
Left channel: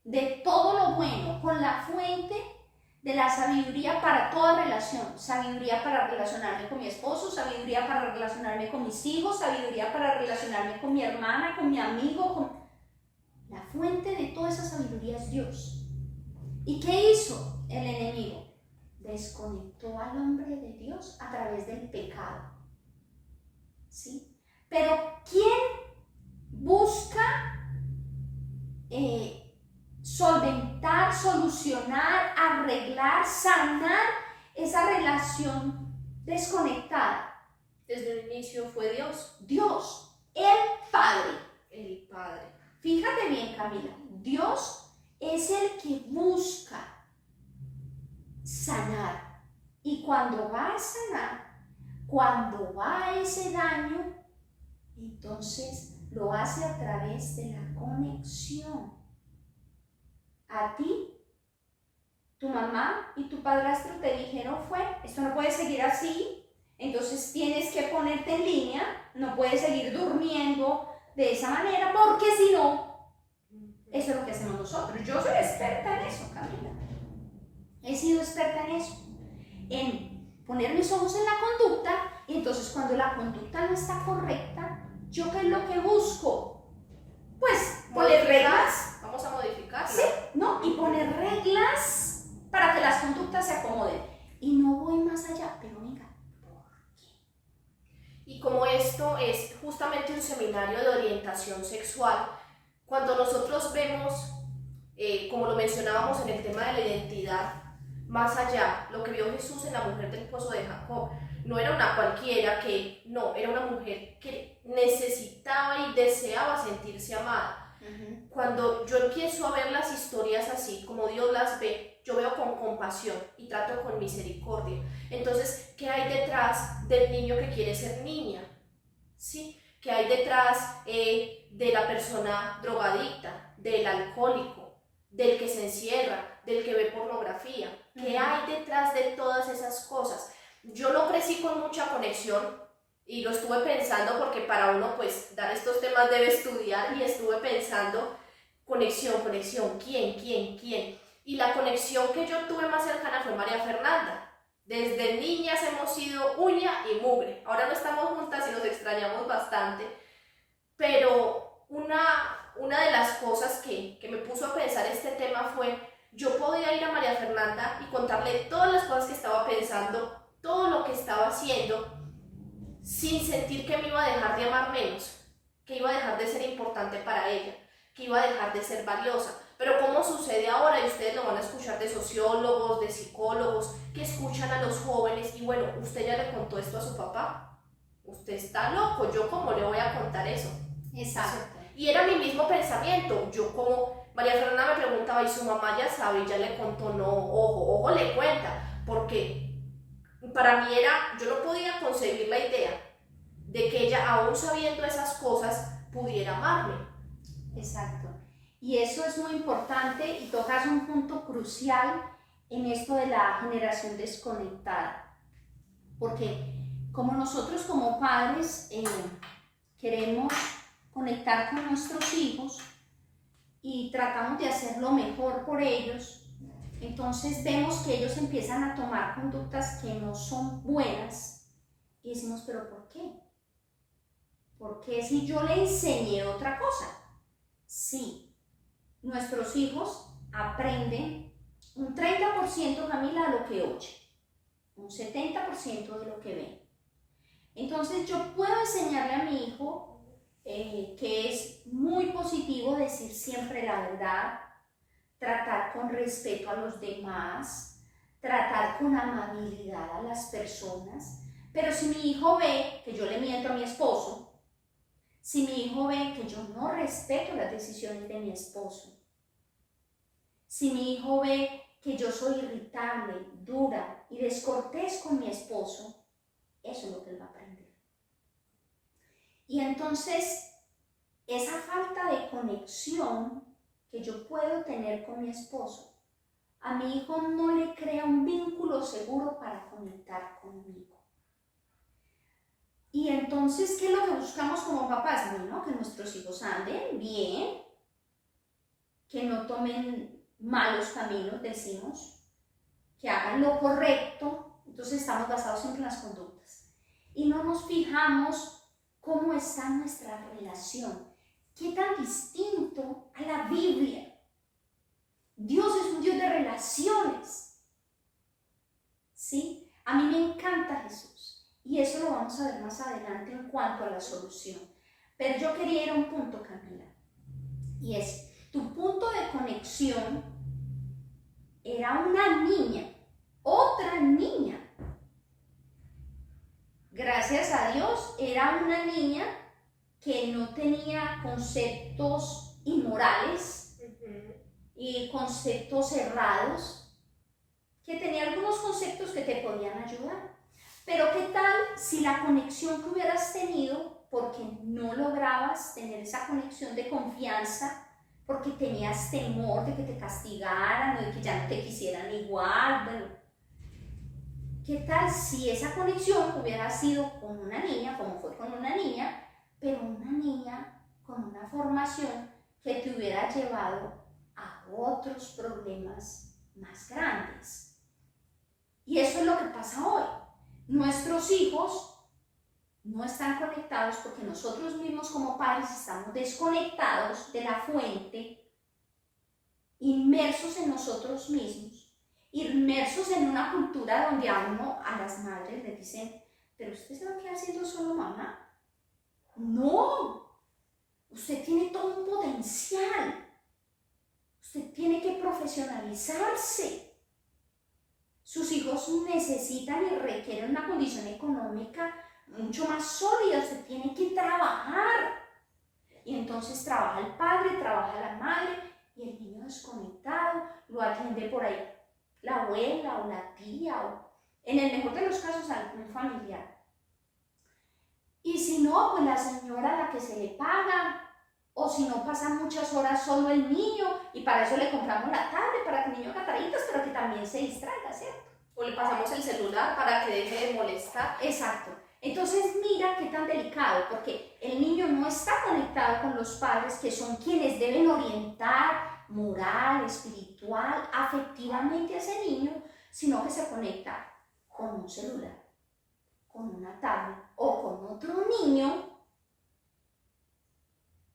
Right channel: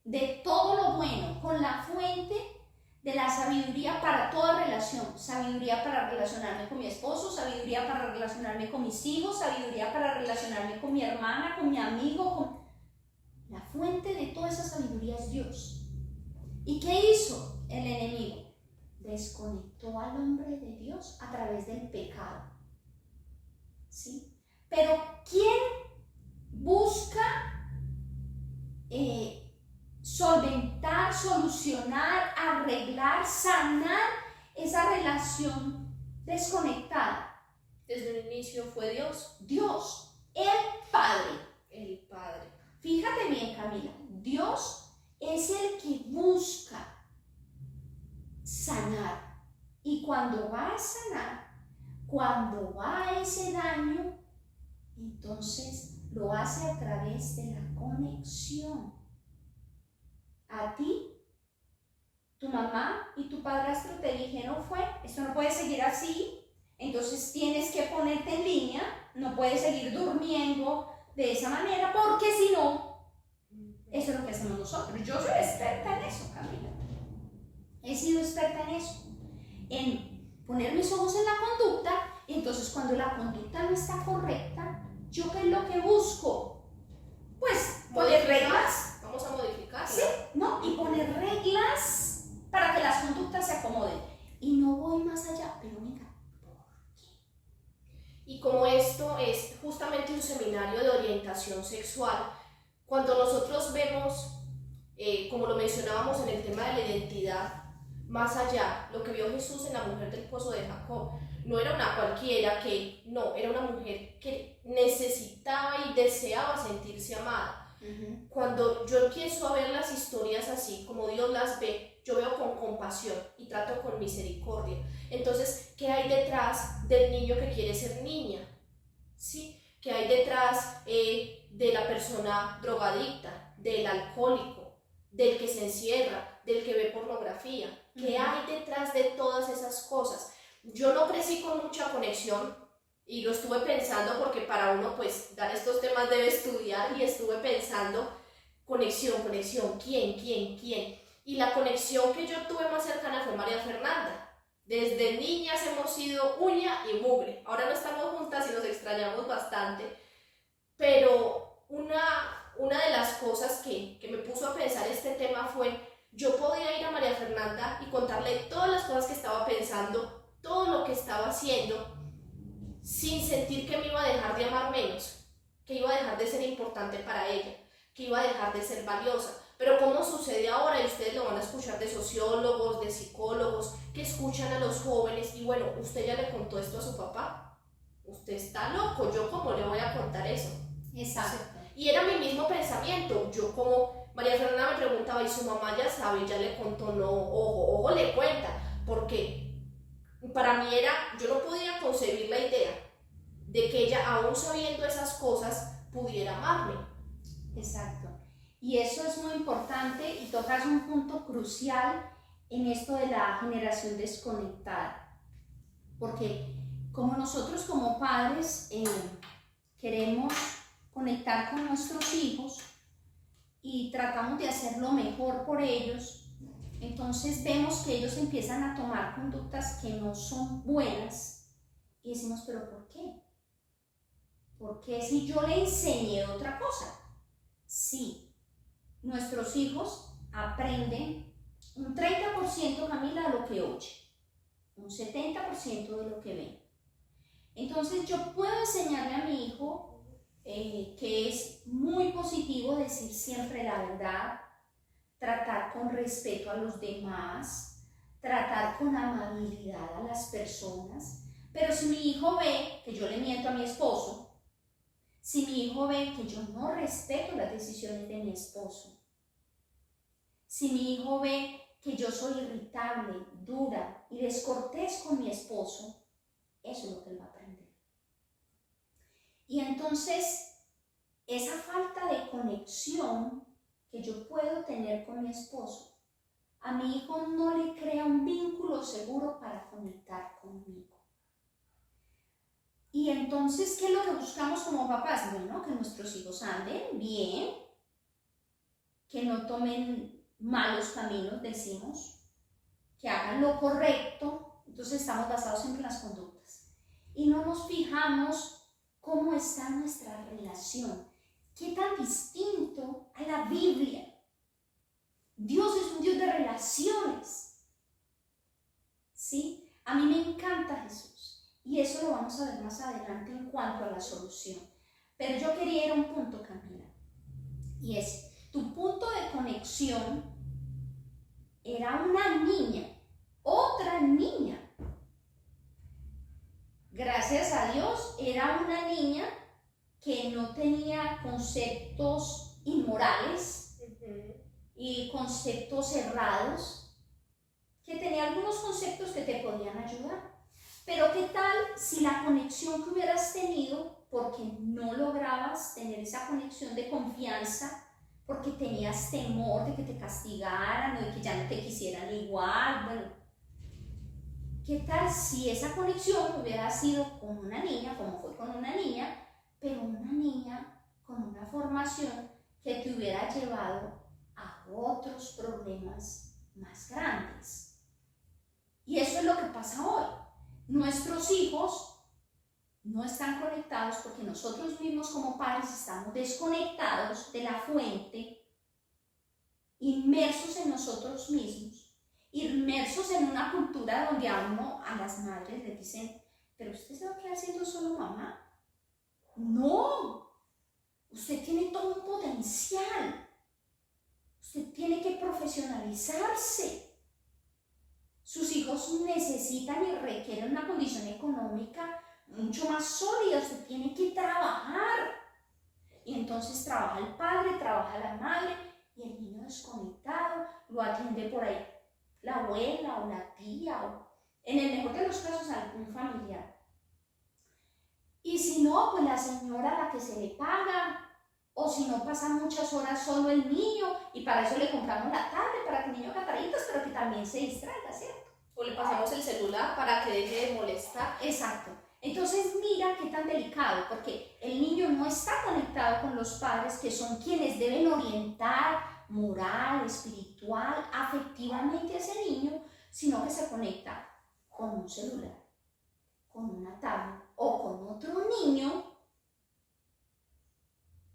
de todo lo bueno, con la fuente de la sabiduría para toda relación, sabiduría para relacionarme con mi esposo, sabiduría para relacionarme con mis hijos, sabiduría para relacionarme con mi hermana, con mi amigo, La fuente de toda esa sabiduría es Dios. ¿Y qué hizo el enemigo? Desconectó al hombre de Dios a través del pecado. ¿Sí? Pero ¿quién busca solventar, solucionar, arreglar, sanar esa relación desconectada. Desde el inicio fue Dios. Dios, el Padre. El Padre. Fíjate bien, Camila, Dios es el que busca sanar. Y cuando va a sanar, cuando va a ese daño, entonces lo hace a través de la conexión. A ti, tu mamá y tu padrastro te dijeron esto no puede seguir así, entonces tienes que ponerte en línea, no puedes seguir durmiendo de esa manera, porque si no, eso es lo que hacemos nosotros. Yo soy experta en eso, Camila. He sido experta en eso, en poner mis ojos en la conducta, y entonces cuando la conducta no está correcta, ¿yo qué es lo que busco? Pues poner reglas. Vamos a modificar. Sí, ¿no? Y poner reglas para que las conductas se acomoden. Y no voy más allá, pero venga, ¿por qué? Y como esto es justamente un seminario de orientación sexual, cuando nosotros vemos, como lo mencionábamos en el tema de la identidad, más allá, lo que vio Jesús en la mujer del pozo de Jacob, no era una cualquiera era una mujer que necesitaba y deseaba sentirse amada. Cuando yo empiezo a ver las historias así, como Dios las ve, yo veo con compasión y trato con misericordia. Entonces, ¿qué hay detrás del niño que quiere ser niña? ¿Sí? ¿Qué hay detrás de la persona drogadicta, del alcohólico, del que se encierra, del que ve pornografía? ¿Qué hay detrás de todas esas cosas? Yo no crecí con mucha conexión y lo estuve pensando porque para uno pues dar estos temas debe estudiar, y estuve pensando conexión, ¿quién? Y la conexión que yo tuve más cercana fue María Fernanda. Desde niñas hemos sido uña y mugre. Ahora no estamos juntas y nos extrañamos bastante, pero una de las cosas que me puso a pensar este tema fue: yo podía ir a María Fernanda y contarle todas las cosas que estaba pensando, todo lo que estaba haciendo, sin sentir que me iba a dejar de amar menos, que iba a dejar de ser importante para ella, que iba a dejar de ser valiosa. Pero ¿cómo sucede ahora? Y ustedes lo van a escuchar de sociólogos, de psicólogos, que escuchan a los jóvenes, y bueno, ¿usted ya le contó esto a su papá? Usted está loco, ¿yo cómo le voy a contar eso? Exacto. Y era mi mismo pensamiento. Yo, como María Fernanda me preguntaba, ¿y su mamá ya sabe, ya le contó? No, ojo le cuenta, porque para mí yo no podía concebir la idea de que ella, aún sabiendo esas cosas, pudiera amarme. Exacto. Y eso es muy importante, y tocas un punto crucial en esto de la generación desconectada, porque como nosotros como padres queremos conectar con nuestros hijos y tratamos de hacer lo mejor por ellos, entonces vemos que ellos empiezan a tomar conductas que no son buenas y decimos, ¿pero por qué? ¿Por qué si yo le enseñé otra cosa? Sí, nuestros hijos aprenden un 30%, Camila, de lo que oyen, un 70% de lo que ven. Entonces yo puedo enseñarle a mi hijo que es muy positivo decir siempre la verdad, tratar con respeto a los demás, tratar con amabilidad a las personas. Pero si mi hijo ve que yo le miento a mi esposo, si mi hijo ve que yo no respeto las decisiones de mi esposo, si mi hijo ve que yo soy irritable, dura y descortés con mi esposo, eso es lo que él va a aprender. Y entonces, esa falta de conexión que yo puedo tener con mi esposo, a mi hijo no le crea un vínculo seguro para conectar conmigo. Y entonces, ¿qué es lo que buscamos como papás? Bueno, que nuestros hijos anden bien, que no tomen malos caminos, decimos, que hagan lo correcto. Entonces estamos basados siempre en las conductas. Y no nos fijamos cómo está nuestra relación. ¿Qué tan distinto a la Biblia? Dios es un Dios de relaciones. ¿Sí? A mí me encanta Jesús. Y eso lo vamos a ver más adelante en cuanto a la solución. Pero yo quería ir a un punto, Camila. Y es, Tu punto de conexión era una niña, otra niña. Gracias a Dios, era una niña que no tenía conceptos inmorales y conceptos errados, que tenía algunos conceptos que te podían ayudar. Pero ¿qué tal si la conexión que hubieras tenido, porque no lograbas tener esa conexión de confianza, porque tenías temor de que te castigaran o de que ya no te quisieran igual? Bueno, ¿qué tal si esa conexión hubiera sido con una niña, como fue con una niña, pero una niña con una formación que te hubiera llevado a otros problemas más grandes? Y eso es lo que pasa hoy. Nuestros hijos no están conectados porque nosotros mismos como padres estamos desconectados de la fuente, inmersos en nosotros mismos, inmersos en una cultura donde a las madres les dicen, pero usted se va a quedar siendo solo mamá. No, usted tiene todo un potencial, usted tiene que profesionalizarse. Sus hijos necesitan y requieren una condición económica mucho más sólida, usted tiene que trabajar. Y entonces trabaja el padre, trabaja la madre, y el niño desconectado lo atiende por ahí la abuela o la tía, o en el mejor de los casos algún familiar. Y si no, pues la señora a la que se le paga, o si no, pasa muchas horas solo el niño, y para eso le compramos la tablet, para que el niño cataritas, pero que también se distraiga, ¿cierto? O le pasamos el celular para que deje de molestar. Exacto. Entonces mira qué tan delicado, porque el niño no está conectado con los padres, que son quienes deben orientar moral, espiritual, afectivamente a ese niño, sino que se conecta con un celular, con una tablet o con otro niño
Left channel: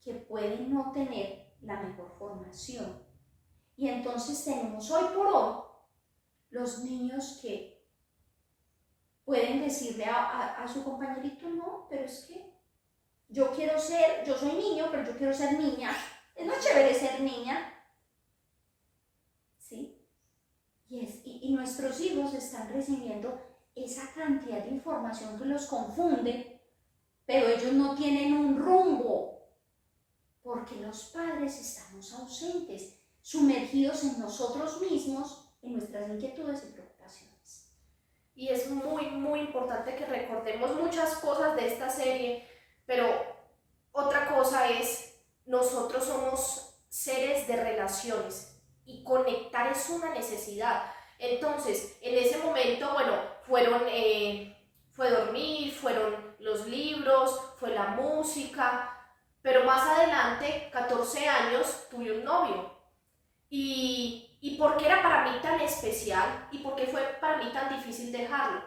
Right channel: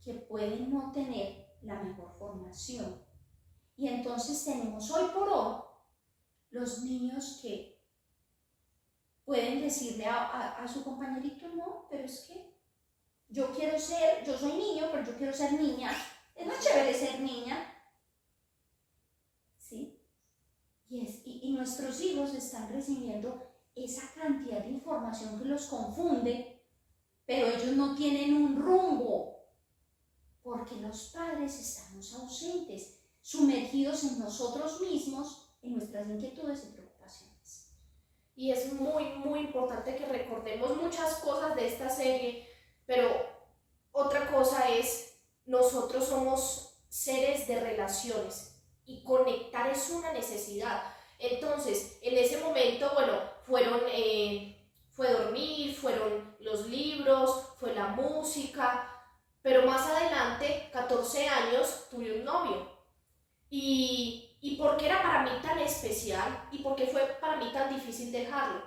que puede no tener la mejor formación. Y entonces tenemos hoy por hoy los niños que pueden decirle a su compañerito, no, pero es que yo soy niño, pero yo quiero ser niña. Es más chévere ser niña. ¿Sí? Y nuestros hijos están recibiendo esa cantidad de información que los confunde, pero ellos no tienen un rumbo, porque los padres estamos ausentes, sumergidos en nosotros mismos, en nuestras inquietudes y preocupaciones. Y es muy, muy importante que recordemos muchas cosas de esta serie, pero otra cosa es, nosotros somos seres de relaciones y conectar es una necesidad. Entonces, en ese momento, bueno, fue dormir, fueron los libros, fue la música, pero más adelante, 14 años, tuve un novio. ¿Y por qué era para mí tan especial? ¿Y por qué fue para mí tan difícil dejarlo?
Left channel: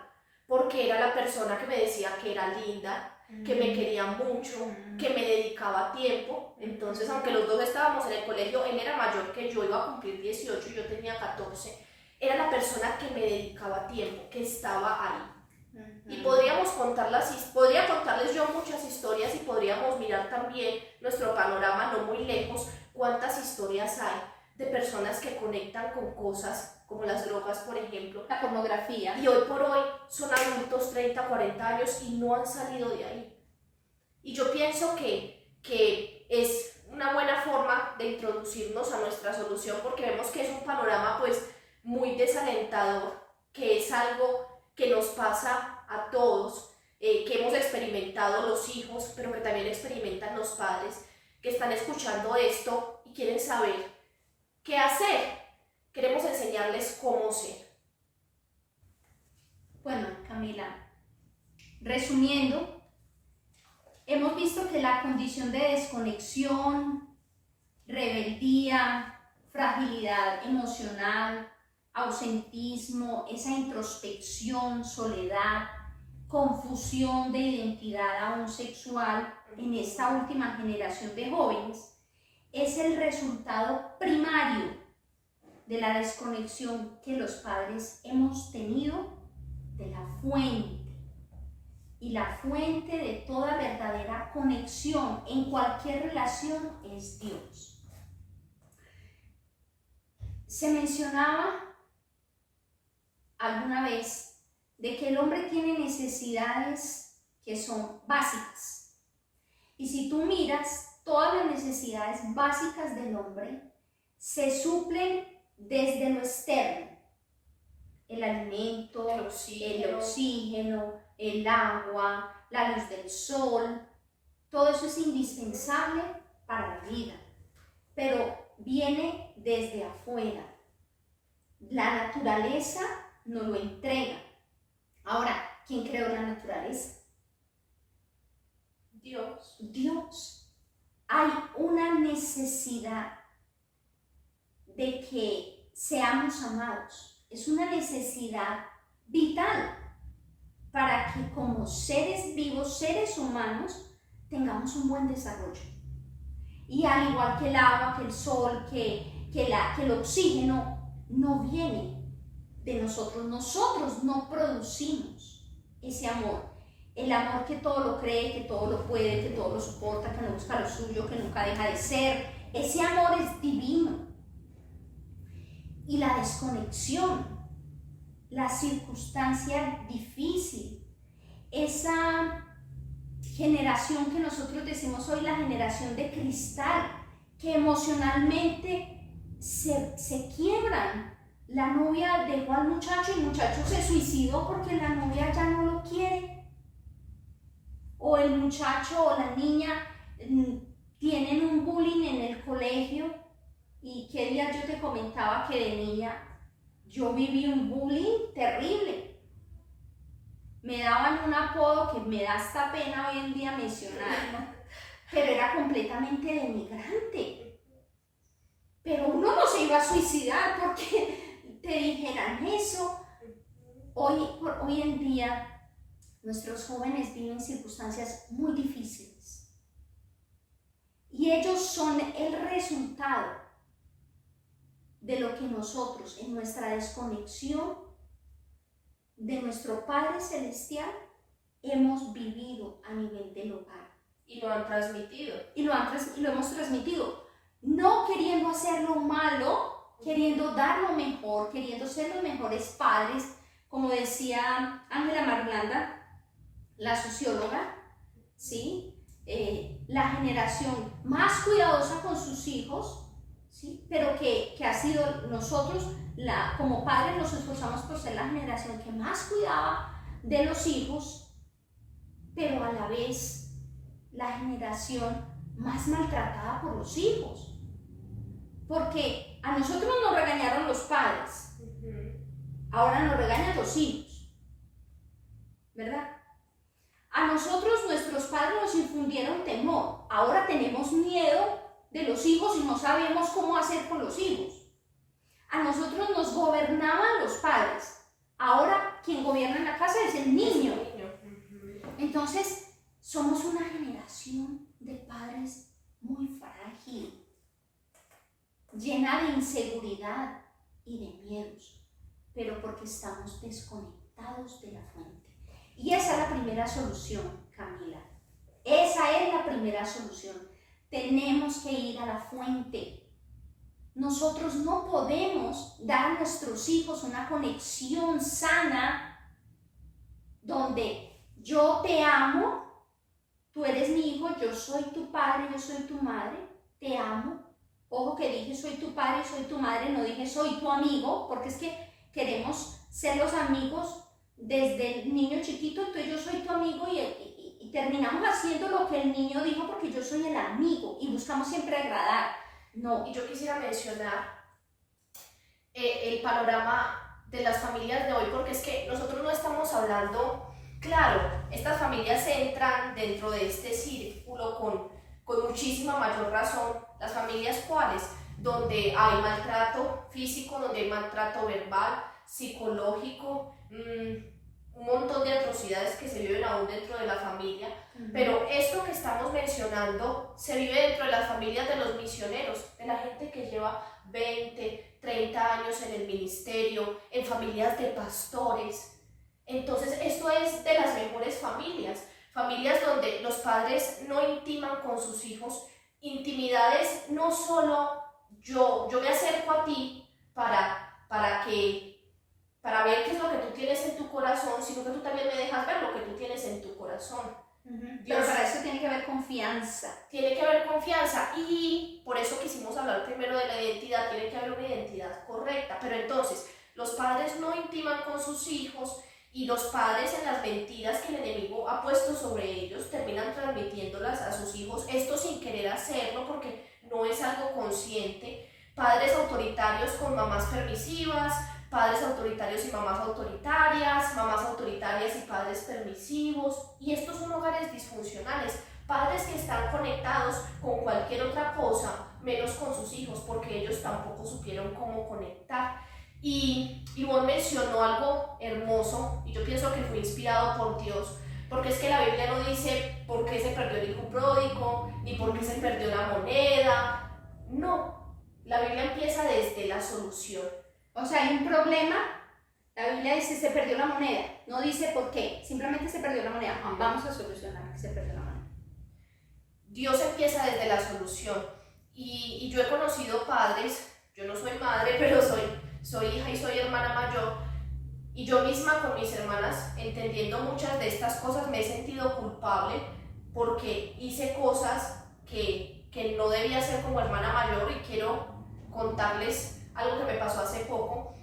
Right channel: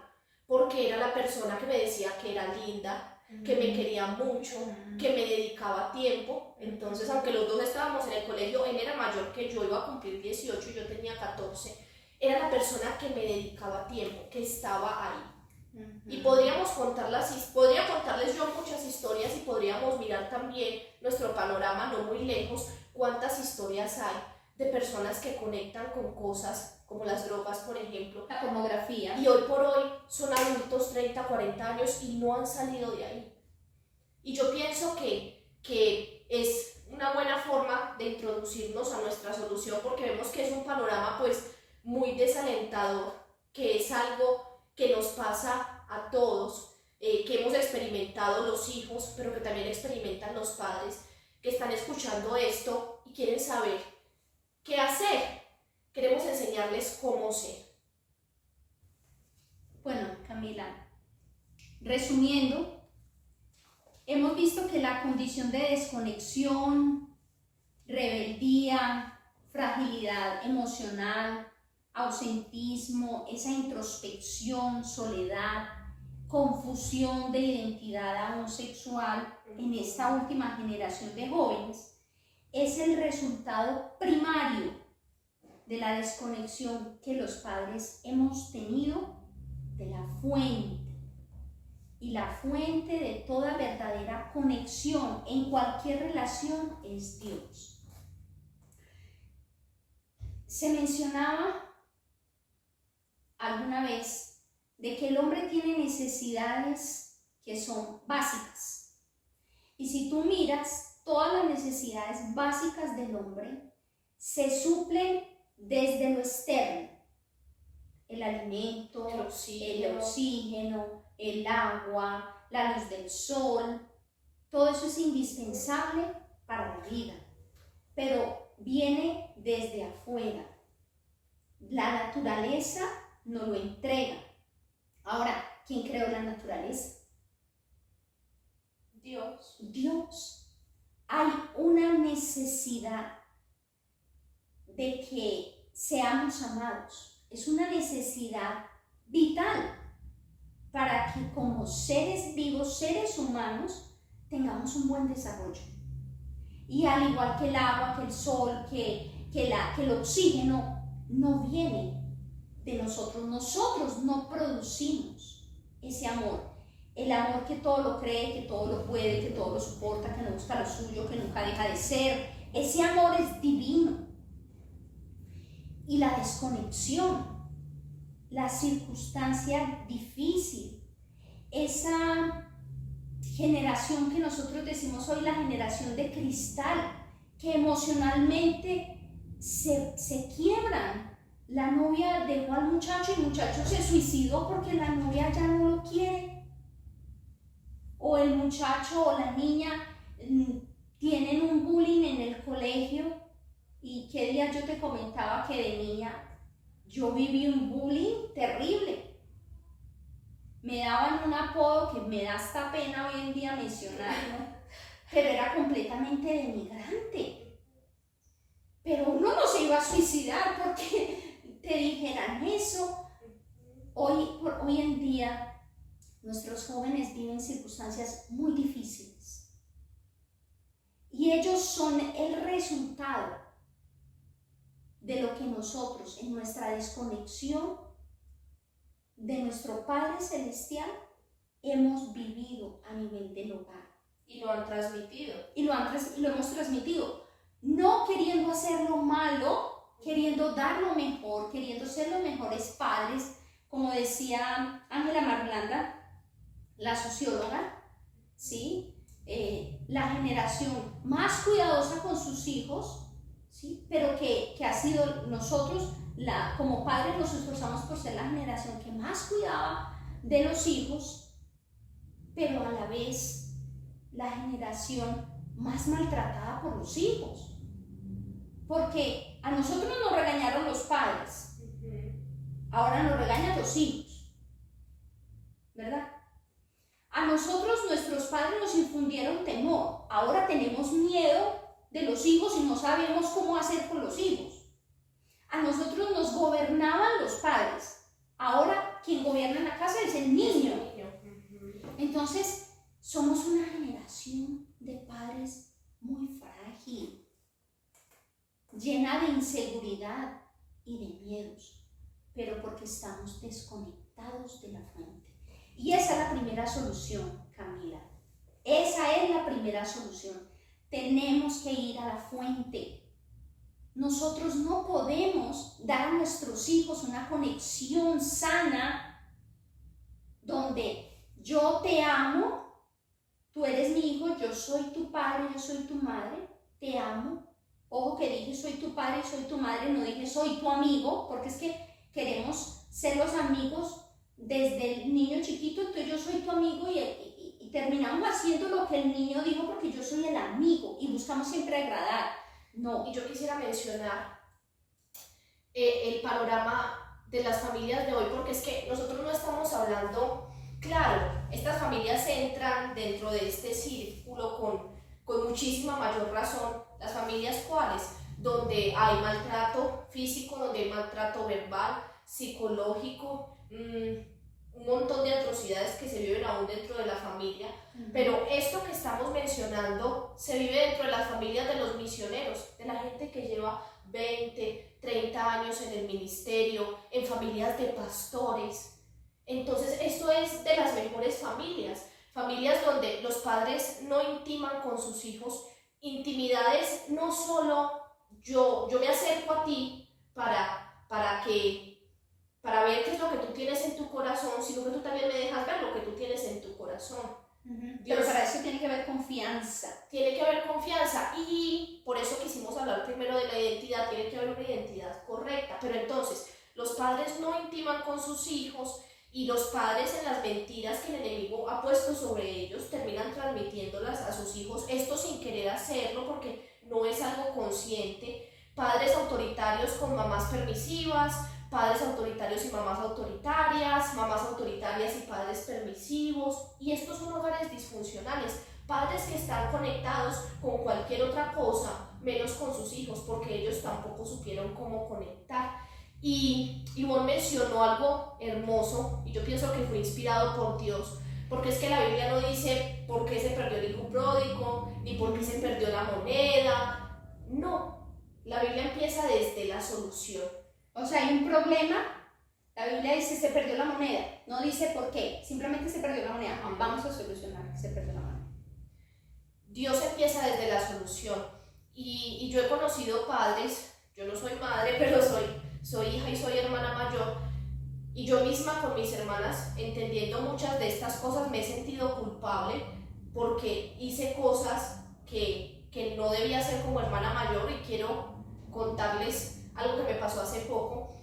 Porque era la persona que me decía que era linda, que me quería mucho, que me dedicaba tiempo. Entonces, aunque los dos estábamos en el colegio, él era mayor que yo, iba a cumplir 18 y yo tenía 14. Era la persona que me dedicaba tiempo, que estaba ahí. Y podría contarles yo muchas historias y podríamos mirar también nuestro panorama no muy lejos, cuántas historias hay de personas que conectan con cosas como las drogas, por ejemplo, la pornografía, y hoy por hoy son adultos 30, 40 años y no han salido de ahí. Y yo pienso que es una buena forma de introducirnos a nuestra solución, porque vemos que es un panorama pues muy desalentador, que es algo que nos pasa a todos, que hemos experimentado los hijos, pero que también experimentan los padres, que están escuchando esto y quieren saber qué hacer. Queremos enseñarles cómo ser. Bueno, Camila, resumiendo, hemos visto que la condición de desconexión, rebeldía, fragilidad emocional, ausentismo, esa introspección, soledad, confusión de identidad aún sexual en esta última generación de jóvenes, es el resultado primario de la desconexión que los padres hemos tenido de la fuente. Y la fuente de toda verdadera conexión en cualquier relación es Dios. Se mencionaba alguna vez de que el hombre tiene necesidades que son básicas. Y si tú miras, todas las necesidades básicas del hombre se suplen desde lo externo. El alimento, el oxígeno, el agua, la luz del sol, todo eso es indispensable para la vida, pero viene desde afuera. La naturaleza nos lo entrega. Ahora, ¿quién creó la naturaleza? Dios. Dios. Hay una necesidad de que seamos amados. Es una necesidad vital para que como seres vivos, seres humanos, tengamos un buen desarrollo. Y al igual que el agua, que el sol, que el oxígeno, no viene de nosotros. Nosotros no producimos ese amor. El amor que todo lo cree, que todo lo puede, que todo lo soporta, que no busca lo suyo, que nunca deja de ser. Ese amor es divino. Y la desconexión, la circunstancia difícil, esa generación que nosotros decimos hoy, la generación de cristal, que emocionalmente se quiebran. La novia dejó al muchacho y el muchacho se suicidó porque la novia ya no lo quiere. O el muchacho o la niña tienen un bullying en el colegio. Y qué día yo te comentaba que de niña yo viví un bullying terrible. Me daban un apodo que me da hasta pena hoy en día mencionarlo, pero era completamente denigrante. Pero uno no se iba a suicidar porque te dijeran eso. Hoy en día nuestros jóvenes viven circunstancias muy difíciles y ellos son el resultado de lo que nosotros, en nuestra desconexión de nuestro Padre Celestial, hemos vivido a nivel del hogar. Y lo han transmitido. Y lo hemos transmitido. No queriendo hacer lo malo, queriendo dar lo mejor, queriendo ser los mejores padres, como decía Ángela Marulanda, la socióloga, ¿sí? La generación más cuidadosa con sus hijos, ¿sí? Pero que ha sido nosotros, como padres nos esforzamos por ser la generación que más cuidaba de los hijos, pero a la vez la generación más maltratada por los hijos. Porque a nosotros nos regañaron los padres, ahora nos regañan los hijos, ¿verdad? A nosotros nuestros padres nos infundieron temor, ahora tenemos miedo de los hijos y no sabemos cómo hacer con los hijos. A nosotros nos gobernaban los padres, ahora quien gobierna en la casa es el niño. Entonces somos una generación de padres muy frágil, llena de inseguridad y de miedos, pero porque estamos desconectados de la fuente. Y esa es la primera solución, Camila. Esa es la primera solución. Tenemos que ir a la fuente. Nosotros no podemos dar a nuestros hijos una conexión sana donde yo te amo, tú eres mi hijo, yo soy tu padre, yo soy tu madre, te amo. Ojo que dije soy tu padre, soy tu madre, no dije soy tu amigo, porque es que queremos ser los amigos desde el niño chiquito, entonces yo soy tu amigo y terminamos haciendo lo que el niño dijo porque yo soy el amigo y buscamos siempre agradar. No. Y yo quisiera mencionar el panorama de las familias de hoy, porque es que nosotros no estamos hablando, claro, estas familias entran dentro de este círculo con muchísima mayor razón, las familias cuales, donde hay maltrato físico, donde hay maltrato verbal, psicológico, un montón de atrocidades que se viven aún dentro de la familia, pero esto que estamos mencionando se vive dentro de las familias de los misioneros, de la gente que lleva 20, 30 años en el ministerio, en familias de pastores. Entonces esto es de las mejores familias, familias donde los padres no intiman con sus hijos, intimidades no solo yo me acerco a ti para ver qué es lo que tú tienes en tu corazón, sino que tú también me dejas ver lo que tú tienes en tu corazón. Pero para eso tiene que haber confianza. Tiene que haber confianza y por eso quisimos hablar primero de la identidad, tiene que haber una identidad correcta. Pero entonces, los padres no intiman con sus hijos y los padres en las mentiras que el enemigo ha puesto sobre ellos terminan transmitiéndolas a sus hijos, esto sin querer hacerlo porque no es algo consciente. Padres autoritarios con mamás permisivas, padres autoritarios y mamás autoritarias, mamás autoritarias y padres permisivos, y estos son hogares disfuncionales, padres que están conectados con cualquier otra cosa menos con sus hijos porque ellos tampoco supieron cómo conectar. Y Ivonne mencionó algo hermoso y yo pienso que fue inspirado por Dios, porque es que la Biblia no dice por qué se perdió el hijo pródigo ni por qué se perdió la moneda, no, la Biblia empieza desde la solución. O sea, hay un problema, la Biblia dice se perdió la moneda, no dice por qué, simplemente se perdió la moneda, vamos a solucionar que se perdió la moneda. Dios empieza desde la solución y yo he conocido padres, yo no soy madre, pero soy hija y soy hermana mayor, y yo misma con mis hermanas, entendiendo muchas de estas cosas, me he sentido culpable porque hice cosas que no debía hacer como hermana mayor, y quiero contarles algo que me pasó hace poco.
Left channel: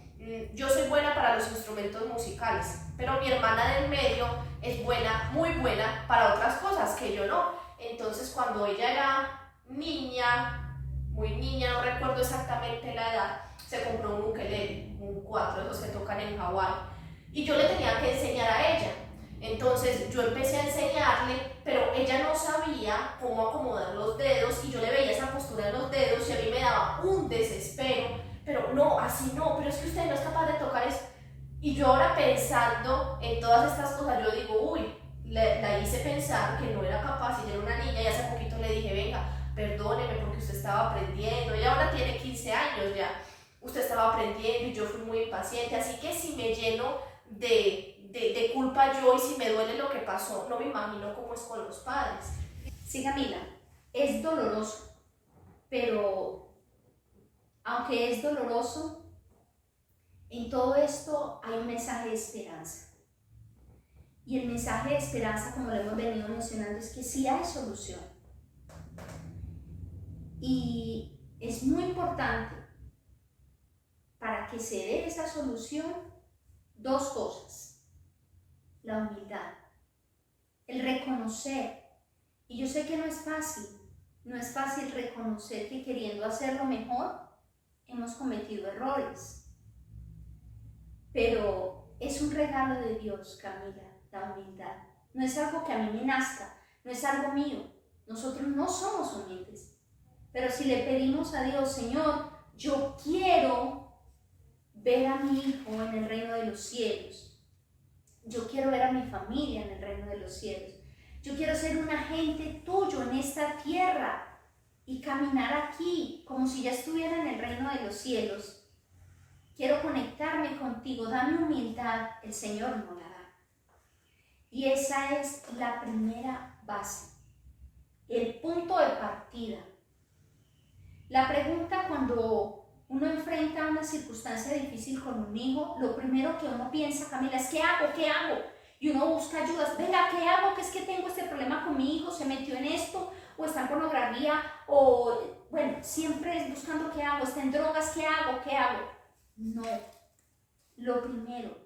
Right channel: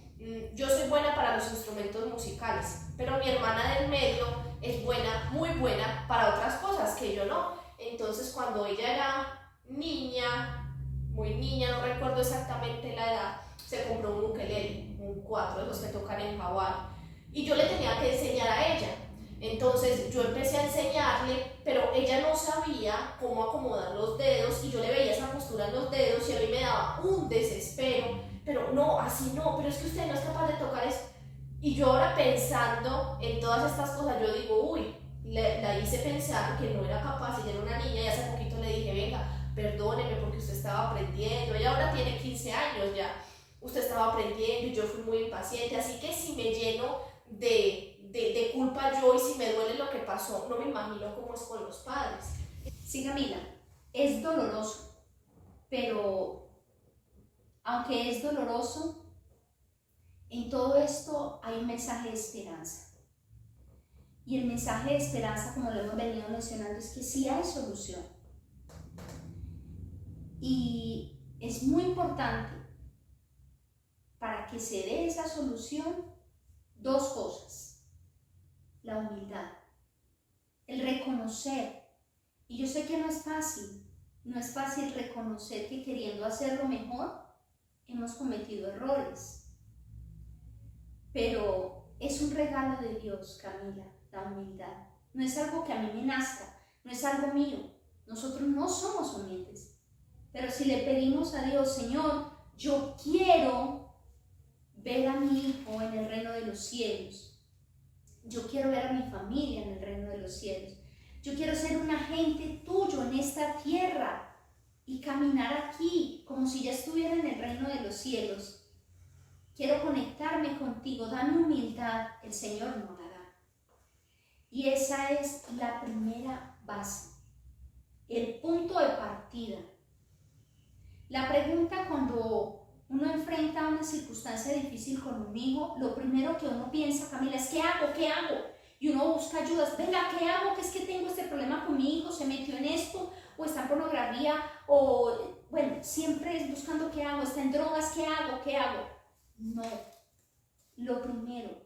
Yo soy buena para los instrumentos musicales, pero mi hermana del medio es buena, muy buena para otras cosas que yo no. Entonces cuando ella era niña, muy niña, no recuerdo exactamente la edad, se compró un ukelele, un 4 de los que tocan en Hawái, y yo le tenía que enseñar a ella. Entonces yo empecé a enseñarle, pero ella no sabía cómo acomodar los dedos y yo le veía esa postura en los dedos y a mí me daba un desespero, pero no, así no, pero es que usted no es capaz de tocar eso. Y yo ahora pensando en todas estas cosas, yo digo, uy, la hice pensar que no era capaz, ella era una niña y hace poquito le dije, venga, perdóneme porque usted estaba aprendiendo, ella ahora tiene 15 años ya, usted estaba aprendiendo y yo fui muy impaciente, así que si me lleno de culpa yo y si me duele lo que pasó, no me imagino cómo es con los padres. Sí, Camila, es doloroso, pero aunque es doloroso, en todo esto hay un mensaje de esperanza. Y el mensaje de esperanza, como lo hemos venido mencionando, es que sí hay solución. Y es muy importante para que se dé esa solución dos cosas: la humildad, el reconocer. Y yo sé que no es fácil reconocer que queriendo hacerlo mejor hemos cometido errores, pero es un regalo de Dios, Camila, la humildad. No es algo que a mí me nazca, no es algo mío. Nosotros no somos humildes, pero si le pedimos a Dios, Señor, yo quiero ver a mi hijo en el reino de los cielos, yo quiero ver a mi familia en el reino de los cielos, yo quiero ser un agente tuyo en esta tierra y caminar aquí como si ya estuviera en el reino de los cielos. Quiero conectarme contigo, dame humildad, el Señor no la da. Y esa es la primera base, el punto de partida. La pregunta cuando uno enfrenta una circunstancia difícil con un hijo, lo primero que uno piensa, Camila, es ¿qué hago? ¿Qué hago? Y uno busca ayudas, venga, ¿qué hago? Que es que tengo este problema con mi hijo, se metió en esto, o está en pornografía, o bueno, siempre es buscando qué hago, está en drogas, ¿qué hago? ¿Qué hago? No, lo primero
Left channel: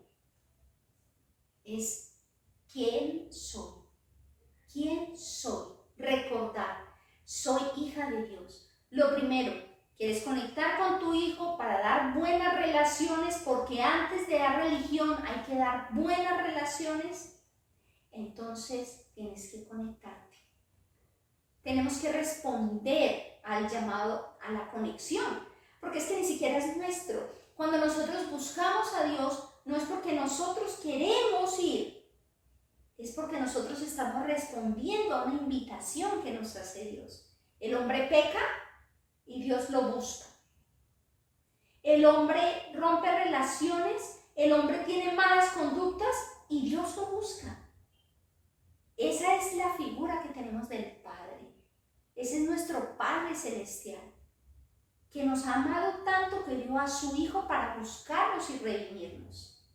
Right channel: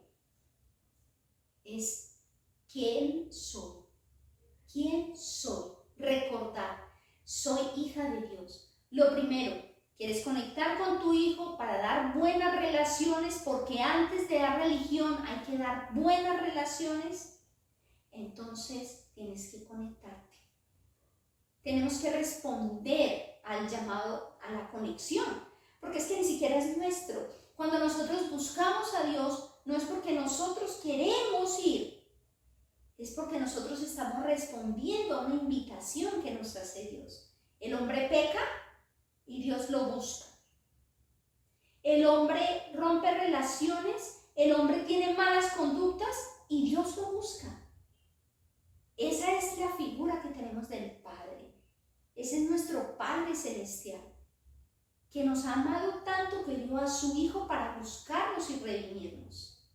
es ¿quién soy? ¿Quién soy? Recordar, soy hija de Dios. Lo primero, ¿quieres conectar con tu hijo para dar buenas relaciones? Porque antes de dar religión hay que dar buenas relaciones. Entonces tienes que conectarte. Tenemos que responder al llamado a la conexión, porque es que ni siquiera es nuestro. Cuando nosotros buscamos a Dios, no es porque nosotros queremos ir, es porque nosotros estamos respondiendo a una invitación que nos hace Dios. El hombre peca y Dios lo busca. El hombre rompe relaciones, el hombre tiene malas conductas y Dios lo busca. Esa es la figura que tenemos del Padre. Ese es nuestro Padre Celestial. que nos ha amado tanto que dio a su Hijo para buscarnos y redimirnos.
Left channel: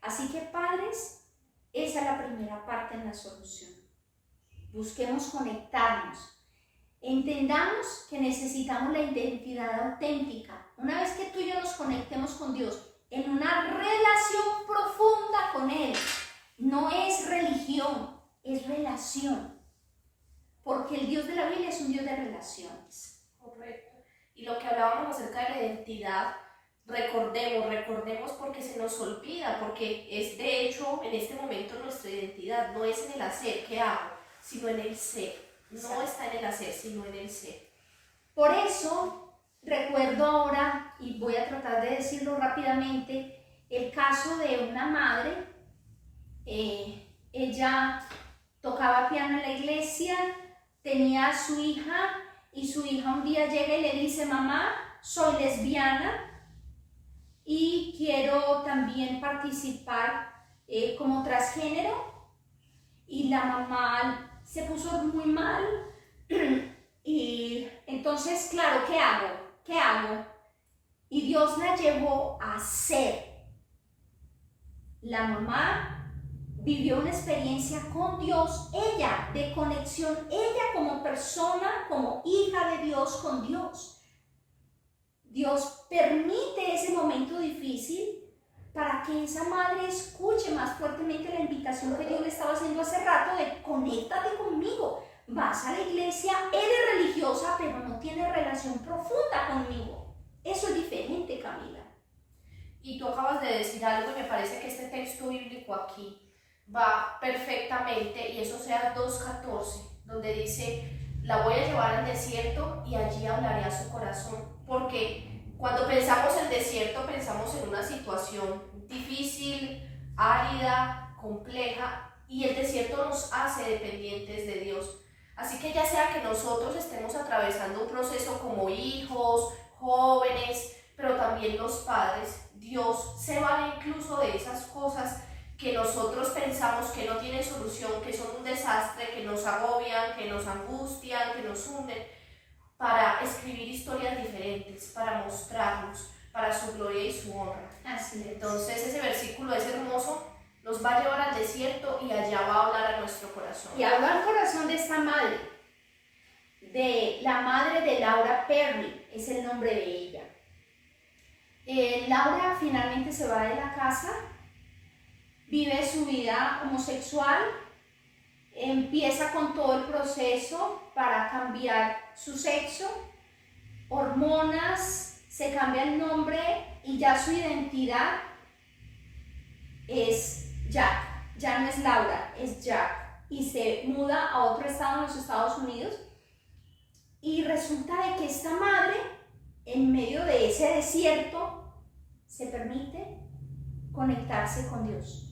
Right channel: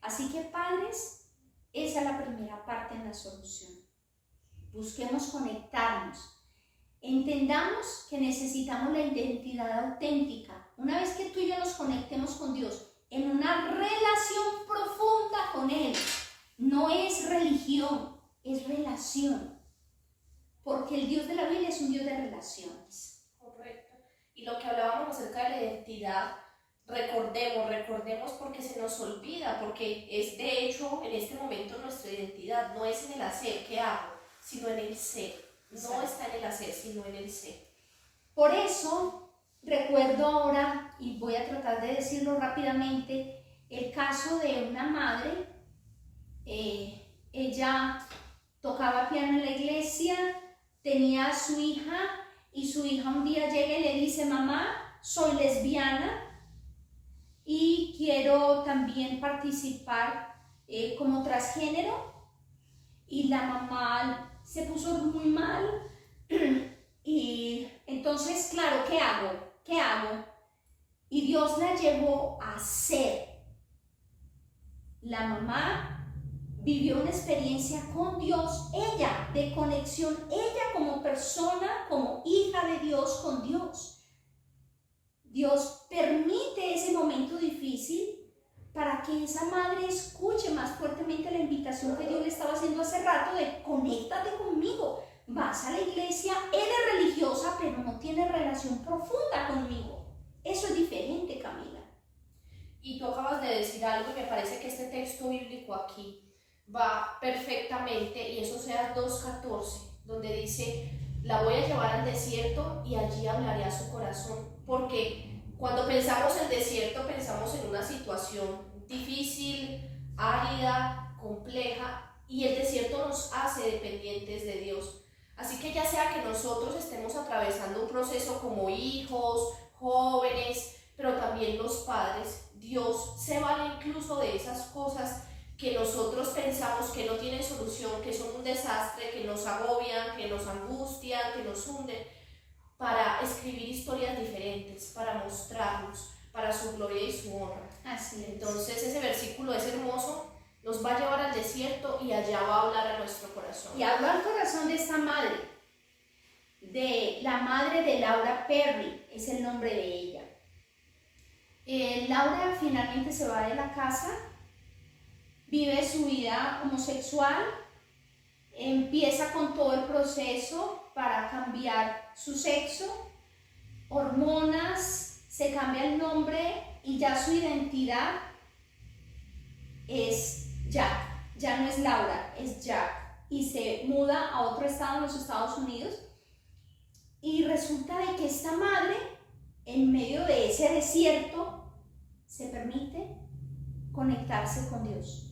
Así que, padres, esa es la primera parte en la solución. Busquemos conectarnos. Entendamos que necesitamos la identidad auténtica. Una vez que tú y yo nos conectemos con Dios en una relación profunda con Él, no es religión, es relación. Porque el Dios de la Biblia es un Dios de relaciones. Correcto. Y lo que hablábamos acerca de la identidad, recordemos porque se nos olvida, porque es de hecho en este momento nuestra identidad, no es en el hacer, ¿qué hago? Sino en el ser. No está en el hacer, sino en el ser. Por eso, recuerdo ahora, y voy a tratar de decirlo rápidamente, el caso de una madre. Ella tocaba piano en la iglesia, tenía a su hija, y su hija un día llega y le dice: mamá, soy lesbiana y quiero también participar como transgénero. Y la mamá se puso muy mal y entonces, claro, ¿qué hago? ¿Qué hago? Y Dios la llevó a ser. La mamá vivió una experiencia con Dios, ella, de conexión, ella como persona, como hija de Dios, con Dios. Dios permite ese momento difícil para que esa madre escuche más fuertemente la invitación que Dios le estaba haciendo hace rato de: conéctate conmigo, vas a la iglesia, eres religiosa, pero no tienes relación profunda conmigo. Eso es diferente, Camila. Y tú acabas de decir algo y me parece que este texto bíblico aquí va perfectamente, y eso sea 2:14, donde dice: la voy a llevar al desierto y allí hablaré a su corazón. Porque cuando pensamos en desierto, pensamos en una situación difícil, árida, compleja, y el desierto nos hace dependientes de Dios. Así que ya sea que nosotros estemos atravesando un proceso como hijos, jóvenes, pero también los padres, Dios se vale incluso de esas cosas que nosotros pensamos que no tienen solución, que son un desastre, que nos agobian, que nos angustian, que nos hunden, para escribir historias diferentes, para mostrarnos, para su gloria y su honra. Así es. Entonces ese versículo es hermoso, nos va a llevar al desierto y allá va a hablar a nuestro corazón. Y habla al corazón de esta madre, de la madre de Laura Perry, es el nombre de ella. Laura finalmente se va de la casa, vive su vida homosexual, empieza con todo el proceso para cambiar su sexo, hormonas, se cambia el nombre y ya su identidad es Jack, ya no es Laura, es Jack, y se muda a otro estado en los Estados Unidos. Y resulta de que esta madre, en medio de ese desierto, se permite conectarse con Dios.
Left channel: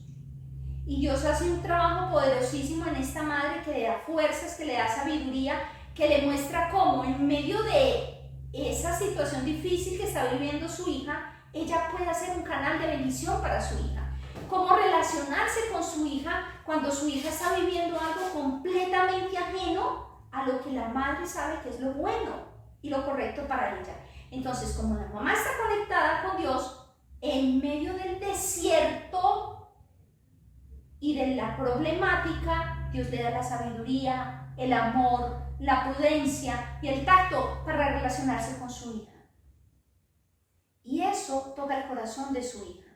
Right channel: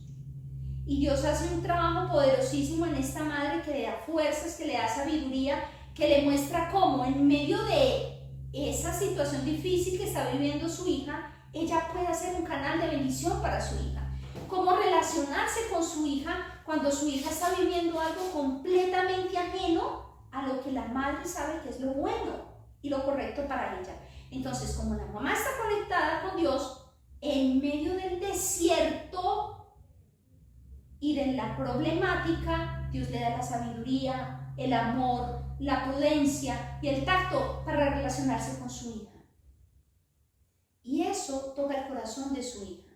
Y Dios hace un trabajo poderosísimo en esta madre, que le da fuerzas, que le da sabiduría, que le muestra cómo en medio de esa situación difícil que está viviendo su hija, ella puede ser un canal de bendición para su hija. Cómo relacionarse con su hija cuando su hija está viviendo algo completamente ajeno a lo que la madre sabe que es lo bueno y lo correcto para ella. Entonces, como la mamá está conectada con Dios, en medio del desierto y de la problemática, Dios le da la sabiduría, el amor, la prudencia y el tacto para relacionarse con su hija. Y eso toca el corazón de su hija.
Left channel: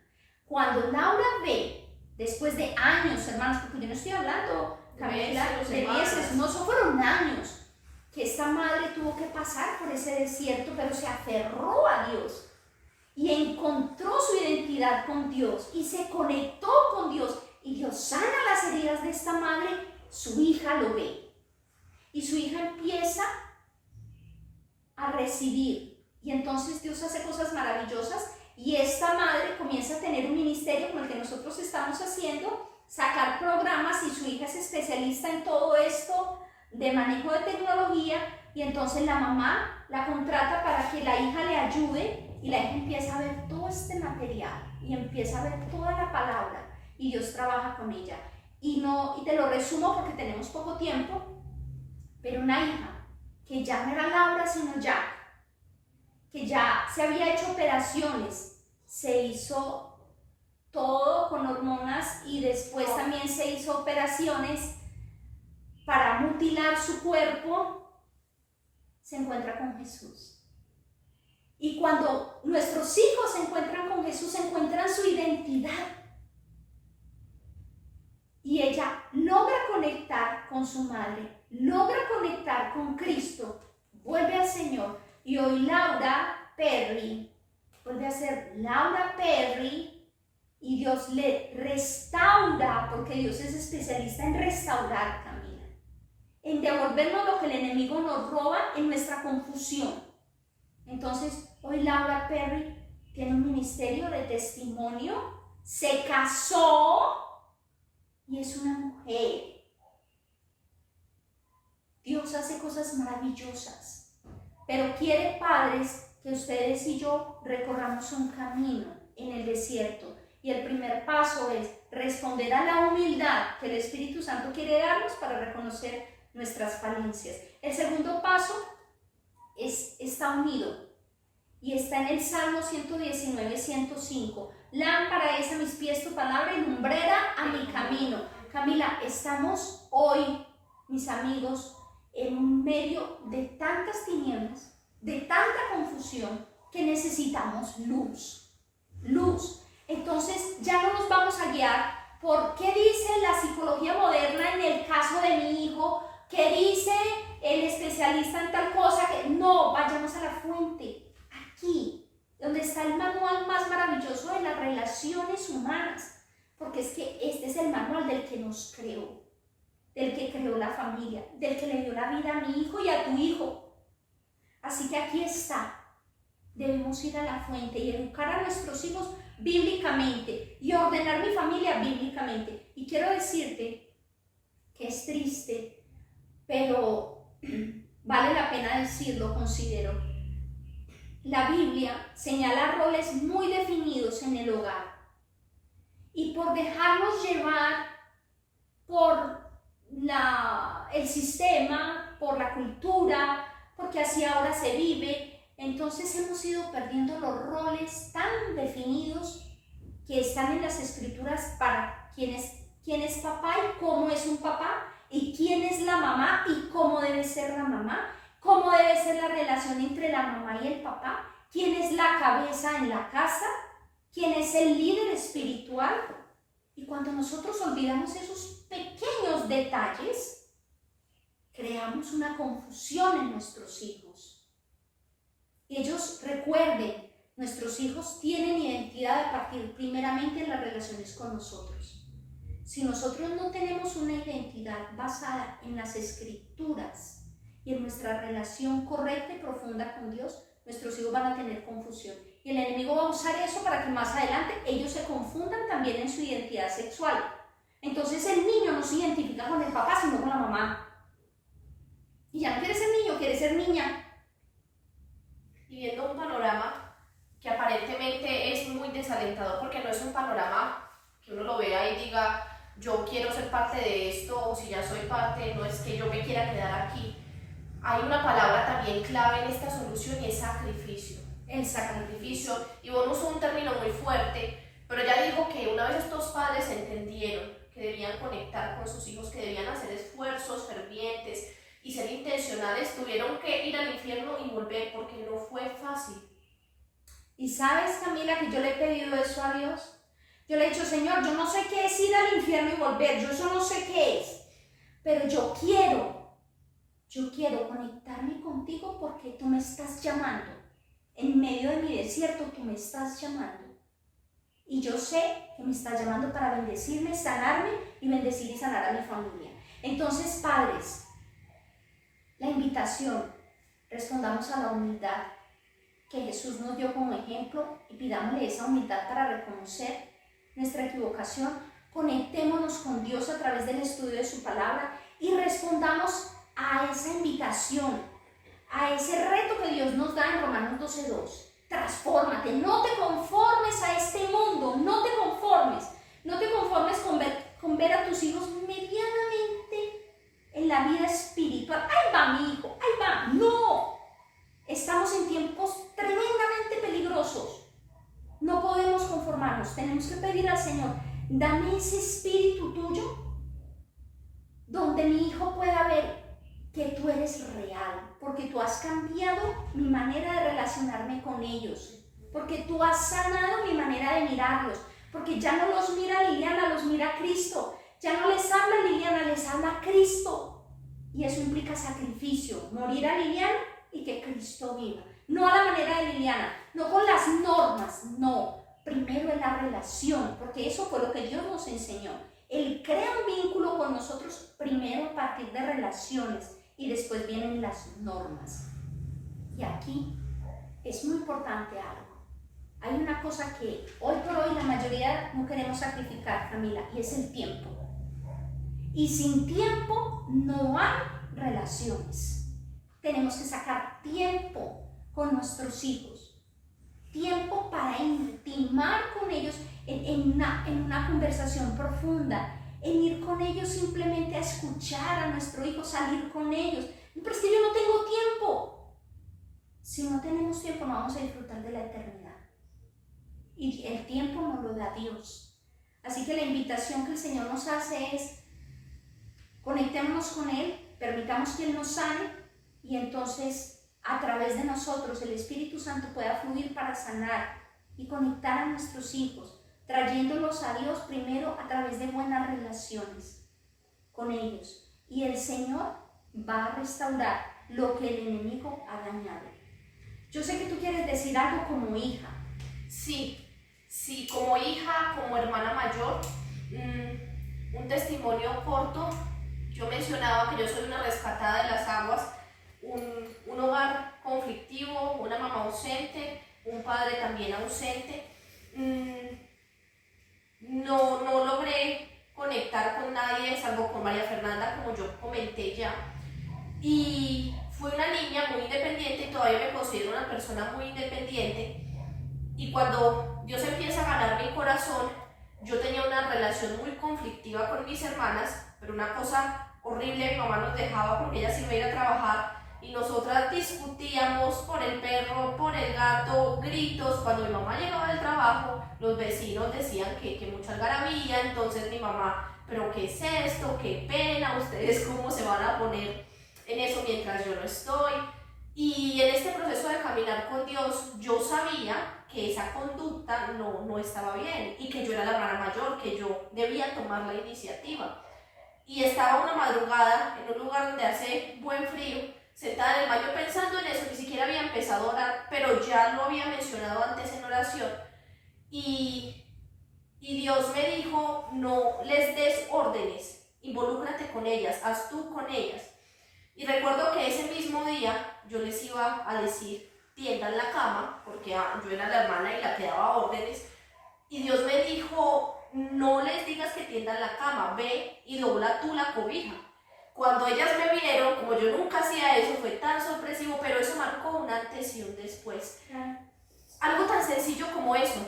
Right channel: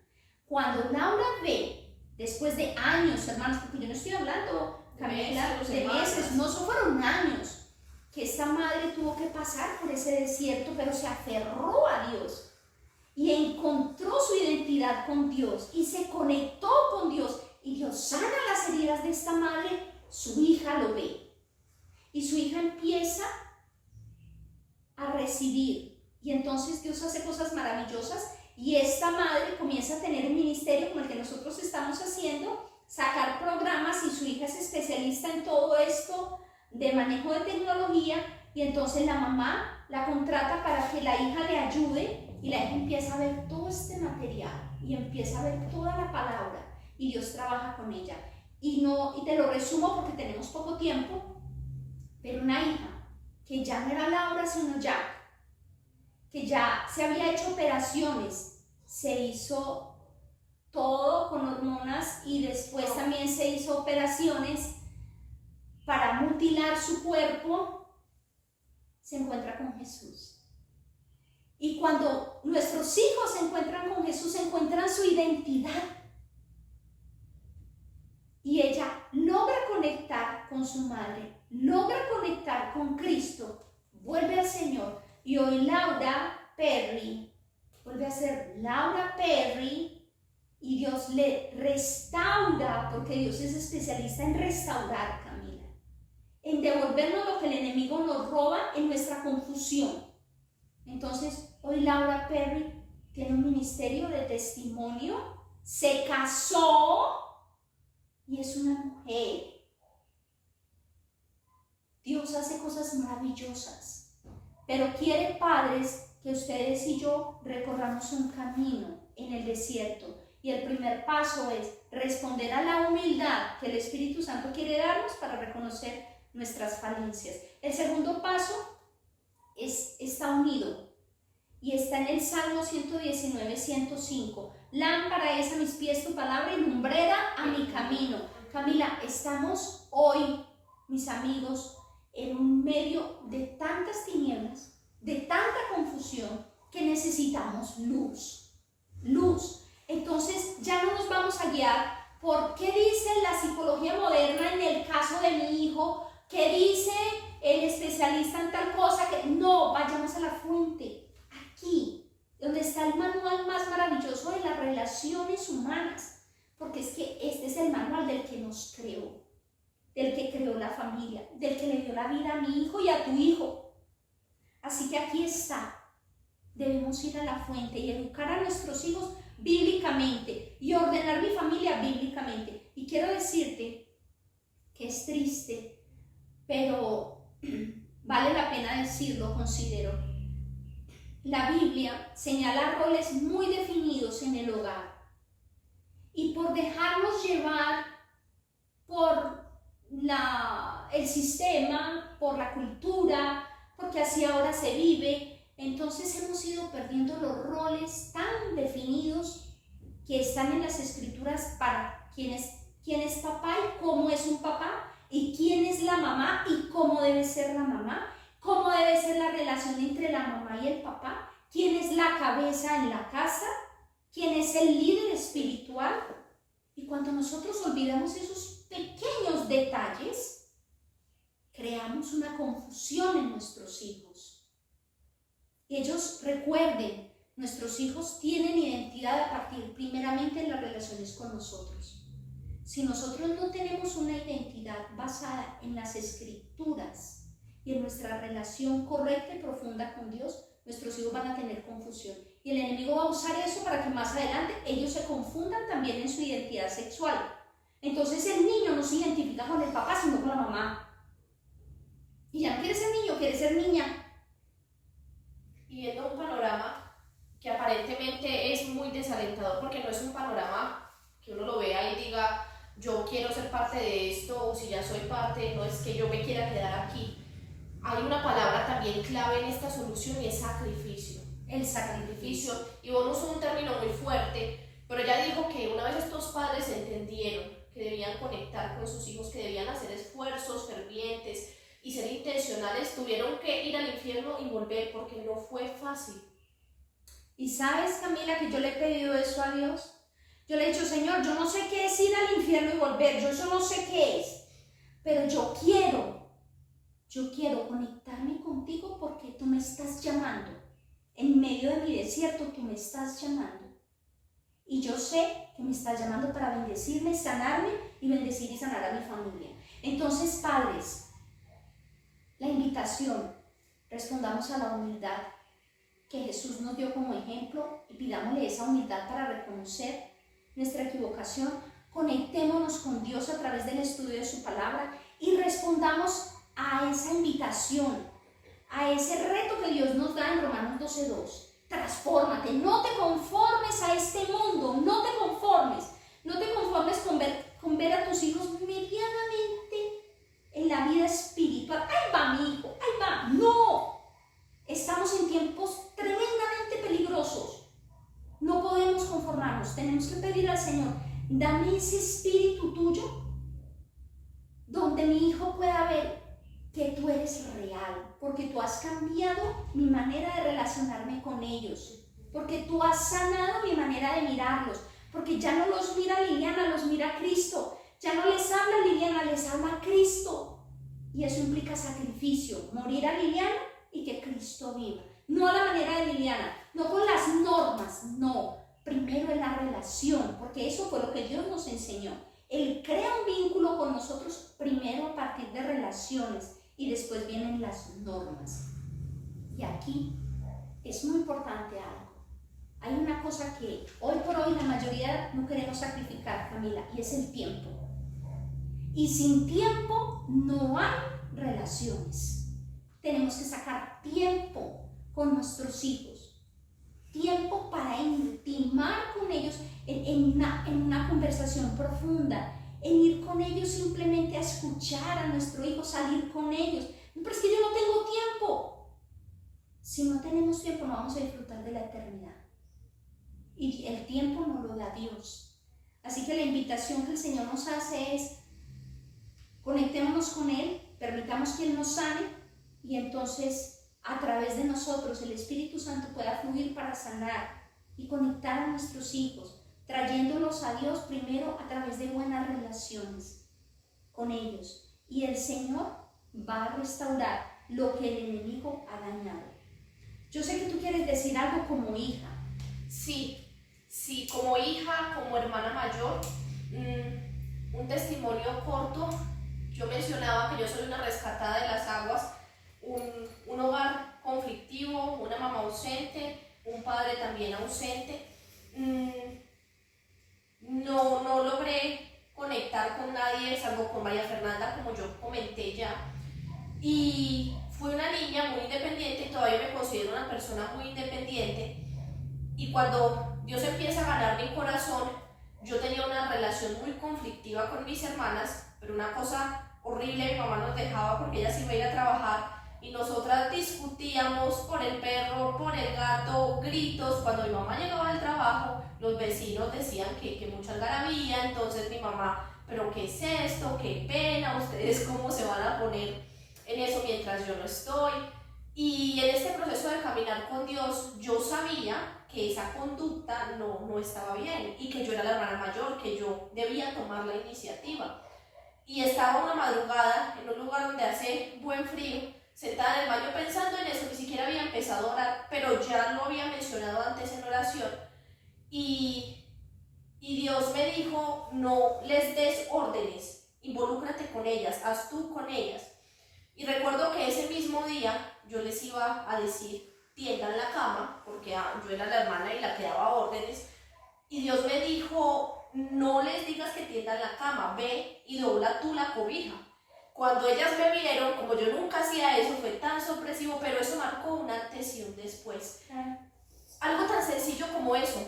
Cuando Laura ve, después de años, hermanos, porque yo no estoy hablando, Camila, de meses, no, fueron años que esta madre tuvo que pasar por ese desierto, pero se aferró a Dios y encontró su identidad con Dios y se conectó con Dios, y Dios sana las heridas de esta madre. Su hija lo ve y su hija empieza a recibir, y entonces Dios hace cosas maravillosas, y esta madre comienza a tener un ministerio como el que nosotros estamos haciendo, sacar programas, y su hija es especialista en todo esto de manejo de tecnología, y entonces la mamá la contrata para que la hija le ayude, y la hija empieza a ver todo este material y empieza a ver toda la palabra, y Dios trabaja con ella. Y te lo resumo porque tenemos poco tiempo, pero una hija que ya no era Laura sino Jack, que ya se había hecho operaciones, se hizo todo con hormonas y después también se hizo operaciones para mutilar su cuerpo, se encuentra con Jesús. Y cuando nuestros hijos se encuentran con Jesús, encuentran su identidad. Y ella logra conectar con su madre, logra conectar con Cristo, vuelve al Señor. Y hoy Laura Perry vuelve a ser Laura Perry y Dios le restaura, porque Dios es especialista en restaurar, Camila, en devolvernos lo que el enemigo nos roba en nuestra confusión. Entonces, hoy Laura Perry tiene un ministerio de testimonio, se casó y es una mujer. Dios hace cosas maravillosas, pero quiere, padres, que ustedes y yo recorramos un camino en el desierto. Y el primer paso es responder a la humildad que el Espíritu Santo quiere darnos para reconocer nuestras falencias. El segundo paso está unido y está en el Salmo 119, 105. Lámpara es a mis pies tu palabra y lumbrera a mi camino. Camila, estamos hoy, mis amigos, en un medio de tantas tinieblas, de tanta confusión, que necesitamos luz. Luz. Entonces ya no nos vamos a guiar por qué dice la psicología moderna en el caso de mi hijo, qué dice el especialista en tal cosa. No, vayamos a la fuente, aquí, donde está el manual más maravilloso de las relaciones humanas, porque es que este es el manual del que nos creó, del que creó la familia, del que le dio la vida a mi hijo y a tu hijo. Así que aquí está. Debemos ir a la fuente y educar a nuestros hijos bíblicamente y ordenar mi familia bíblicamente. Y quiero decirte que es triste, pero vale la pena decirlo, considero. La Biblia señala roles muy definidos en el hogar. Y por dejarnos llevar por el sistema, por la cultura, porque así ahora se vive, entonces hemos ido perdiendo los roles tan definidos que están en las escrituras para quién es papá y cómo es un papá, y quién es la mamá y cómo debe ser la mamá, cómo debe ser la relación entre la mamá y el papá, quién es la cabeza en la casa, quién es el líder espiritual. Y cuando nosotros olvidamos esos pequeños detalles, creamos una confusión en nuestros hijos. Y ellos recuerden, nuestros hijos tienen identidad a partir primeramente en las relaciones con nosotros. Si nosotros no tenemos una identidad basada en las escrituras y en nuestra relación correcta y profunda con Dios, nuestros hijos van a tener confusión. Y el enemigo va a usar eso para que más adelante ellos se confundan también en su identidad sexual. Entonces el niño no se identifica con el papá, sino con la mamá. Y ya no quiere ser niño, quiere ser niña. Y viendo un panorama que aparentemente es muy desalentador, porque no es un panorama que uno lo vea y diga, yo quiero ser parte de esto, o si ya soy parte, no es que yo me quiera quedar aquí. Hay una palabra también clave en esta solución y es sacrificio. El sacrificio, y bueno, usó un término muy fuerte, pero ella dijo que una vez estos padres entendieron que debían conectar con sus hijos, que debían hacer esfuerzos fervientes y ser intencionales, tuvieron que ir al infierno y volver, porque no fue fácil. Y sabes, Camila, que yo le he pedido eso a Dios. Yo le he dicho, Señor, yo no sé qué es ir al infierno y volver, yo eso no sé qué es, pero yo quiero conectarme contigo porque tú me estás llamando. En medio de mi desierto, tú me estás llamando. Y yo sé que me estás llamando para bendecirme, sanarme y bendecir y sanar a mi familia. Entonces, padres, la invitación, respondamos a la humildad que Jesús nos dio como ejemplo y pidámosle esa humildad para reconocer nuestra equivocación. Conectémonos con Dios a través del estudio de su palabra y respondamos a esa invitación, a ese reto que Dios nos da en Romanos 12:2. Transfórmate, no te conformes a este mundo, no te conformes con ver a tus hijos medianamente en la vida espiritual. Ahí va mi hijo, ahí va. No, estamos en tiempos tremendos dame ese espíritu tuyo donde mi hijo pueda ver que tú eres real, porque tú has cambiado mi manera de relacionarme con ellos, porque tú has sanado mi manera de mirarlos, porque ya no los mira Liliana, los mira Cristo, ya no les habla Liliana, les habla Cristo, y eso implica sacrificio, morir a Liliana y que Cristo viva, no a la manera de Liliana, no con las normas, no, primero en la relación, porque eso fue lo que Dios nos enseñó. Él crea un vínculo con nosotros primero a partir de relaciones y después vienen las normas. Y aquí es muy importante algo. Hay una cosa que hoy por hoy la mayoría no queremos sacrificar, Camila, y es el tiempo. Y sin tiempo no hay relaciones. Tenemos que sacar tiempo con nuestros hijos. Tiempo para intimar con ellos en una conversación profunda, en ir con ellos simplemente a escuchar a nuestro hijo, salir con ellos. Pero es que yo no tengo tiempo. Si no tenemos tiempo, no vamos a disfrutar de la eternidad. Y el tiempo nos lo da Dios. Así que la invitación que el Señor nos hace es: conectémonos con Él, permitamos que Él nos sane y entonces a través de nosotros el Espíritu Santo pueda fluir para sanar y conectar a nuestros hijos, trayéndolos a Dios primero a través de buenas relaciones con ellos. Y el Señor va a restaurar lo que el enemigo ha dañado. Yo sé que tú quieres decir algo como hija. Sí, como hija, como hermana mayor, un testimonio corto. Yo mencionaba que yo soy una rescatada de las aguas, un hogar conflictivo, una mamá ausente, un padre también ausente. No logré conectar con nadie, salvo con María Fernanda, como yo comenté ya. Y fui una niña muy independiente, todavía me considero una persona muy independiente. Y cuando Dios empieza a ganar mi corazón, yo tenía una relación muy conflictiva con mis hermanas, pero una cosa horrible: mi mamá nos dejaba porque ella se iba a ir a trabajar y nosotras discutíamos por el perro, por el gato, gritos. Cuando mi mamá llegaba del trabajo, los vecinos decían que mucha algarabía, entonces mi mamá: ¿pero qué es esto? ¡Qué pena! ¿Ustedes cómo se van a poner en eso mientras yo no estoy? Y en este proceso de caminar con Dios, yo sabía que esa conducta no estaba bien y que yo era la hermana mayor, que yo debía tomar la iniciativa. Y estaba una madrugada en un lugar donde hace buen frío, sentada en el baño pensando en eso, ni siquiera había empezado a orar, pero ya lo había mencionado antes en oración. Y Dios me dijo: no les des órdenes, involúcrate con ellas, haz tú con ellas. Y recuerdo que ese mismo día yo les iba a decir: tiendan la cama, porque yo era la hermana y la que daba órdenes. Y Dios me dijo: no les digas que tiendan la cama, ve y dobla tú la cobija. Cuando ellas me vieron, como yo nunca hacía eso, fue tan sorpresivo, pero eso marcó un antes y un después. Algo tan sencillo como eso,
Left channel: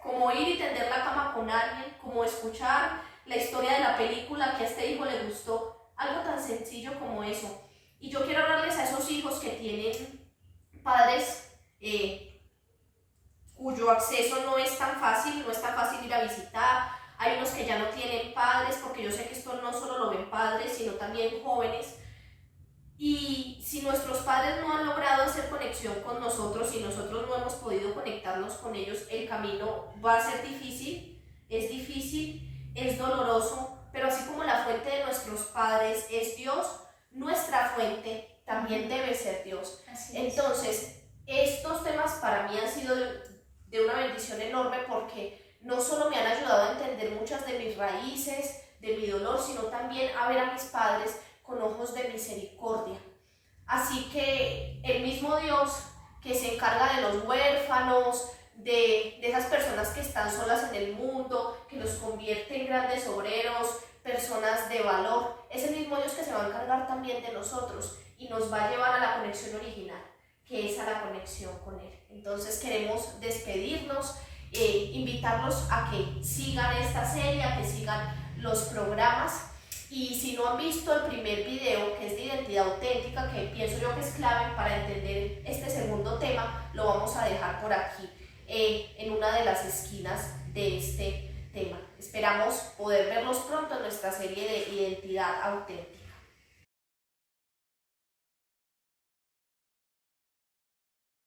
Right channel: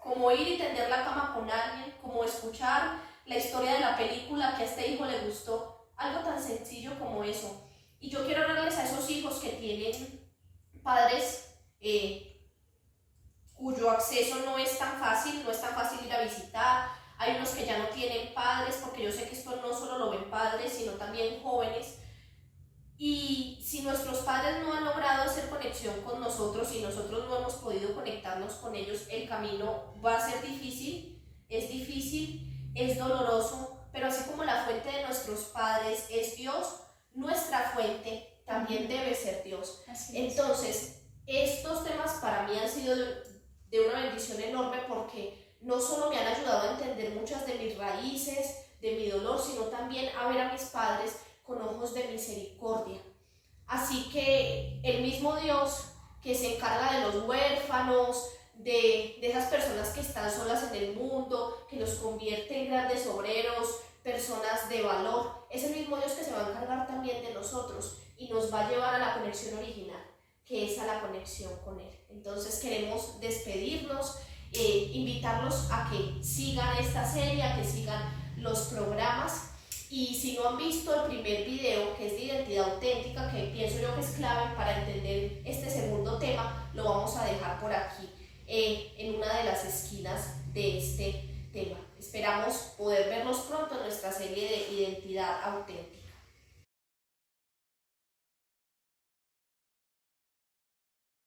como ir y tender la cama con alguien, como escuchar la historia de la película que a este hijo le gustó, algo tan sencillo como eso. Y yo quiero hablarles a esos hijos que tienen padres cuyo acceso no es tan fácil ir a visitar. Hay unos que ya no tienen padres, porque yo sé que esto no solo lo ven padres, sino también jóvenes. Y si nuestros padres no han logrado hacer conexión con nosotros y nosotros no hemos podido conectarnos con ellos, el camino va a ser difícil, es doloroso, pero así como la fuente de nuestros padres es Dios, nuestra fuente también debe ser Dios. Entonces, estos temas para mí han sido de una bendición enorme, porque no solo me han ayudado a entender muchas de mis raíces, de mi dolor, sino también a ver a mis padres con ojos de misericordia. Así que el mismo Dios que se encarga de los huérfanos, de esas personas que están solas en el mundo, que los convierte en grandes obreros, personas de valor, es el mismo Dios que se va a encargar también de nosotros y nos va a llevar a la conexión original, que es a la conexión con Él. Entonces queremos despedirnos, invitarlos a que sigan esta serie, a que sigan los programas. Y si no han visto el primer video, que es de identidad auténtica, que pienso yo que es clave para entender este segundo tema, lo vamos a dejar por aquí, en una de las esquinas de este tema. Esperamos poder verlos pronto en nuestra serie de Identidad Auténtica.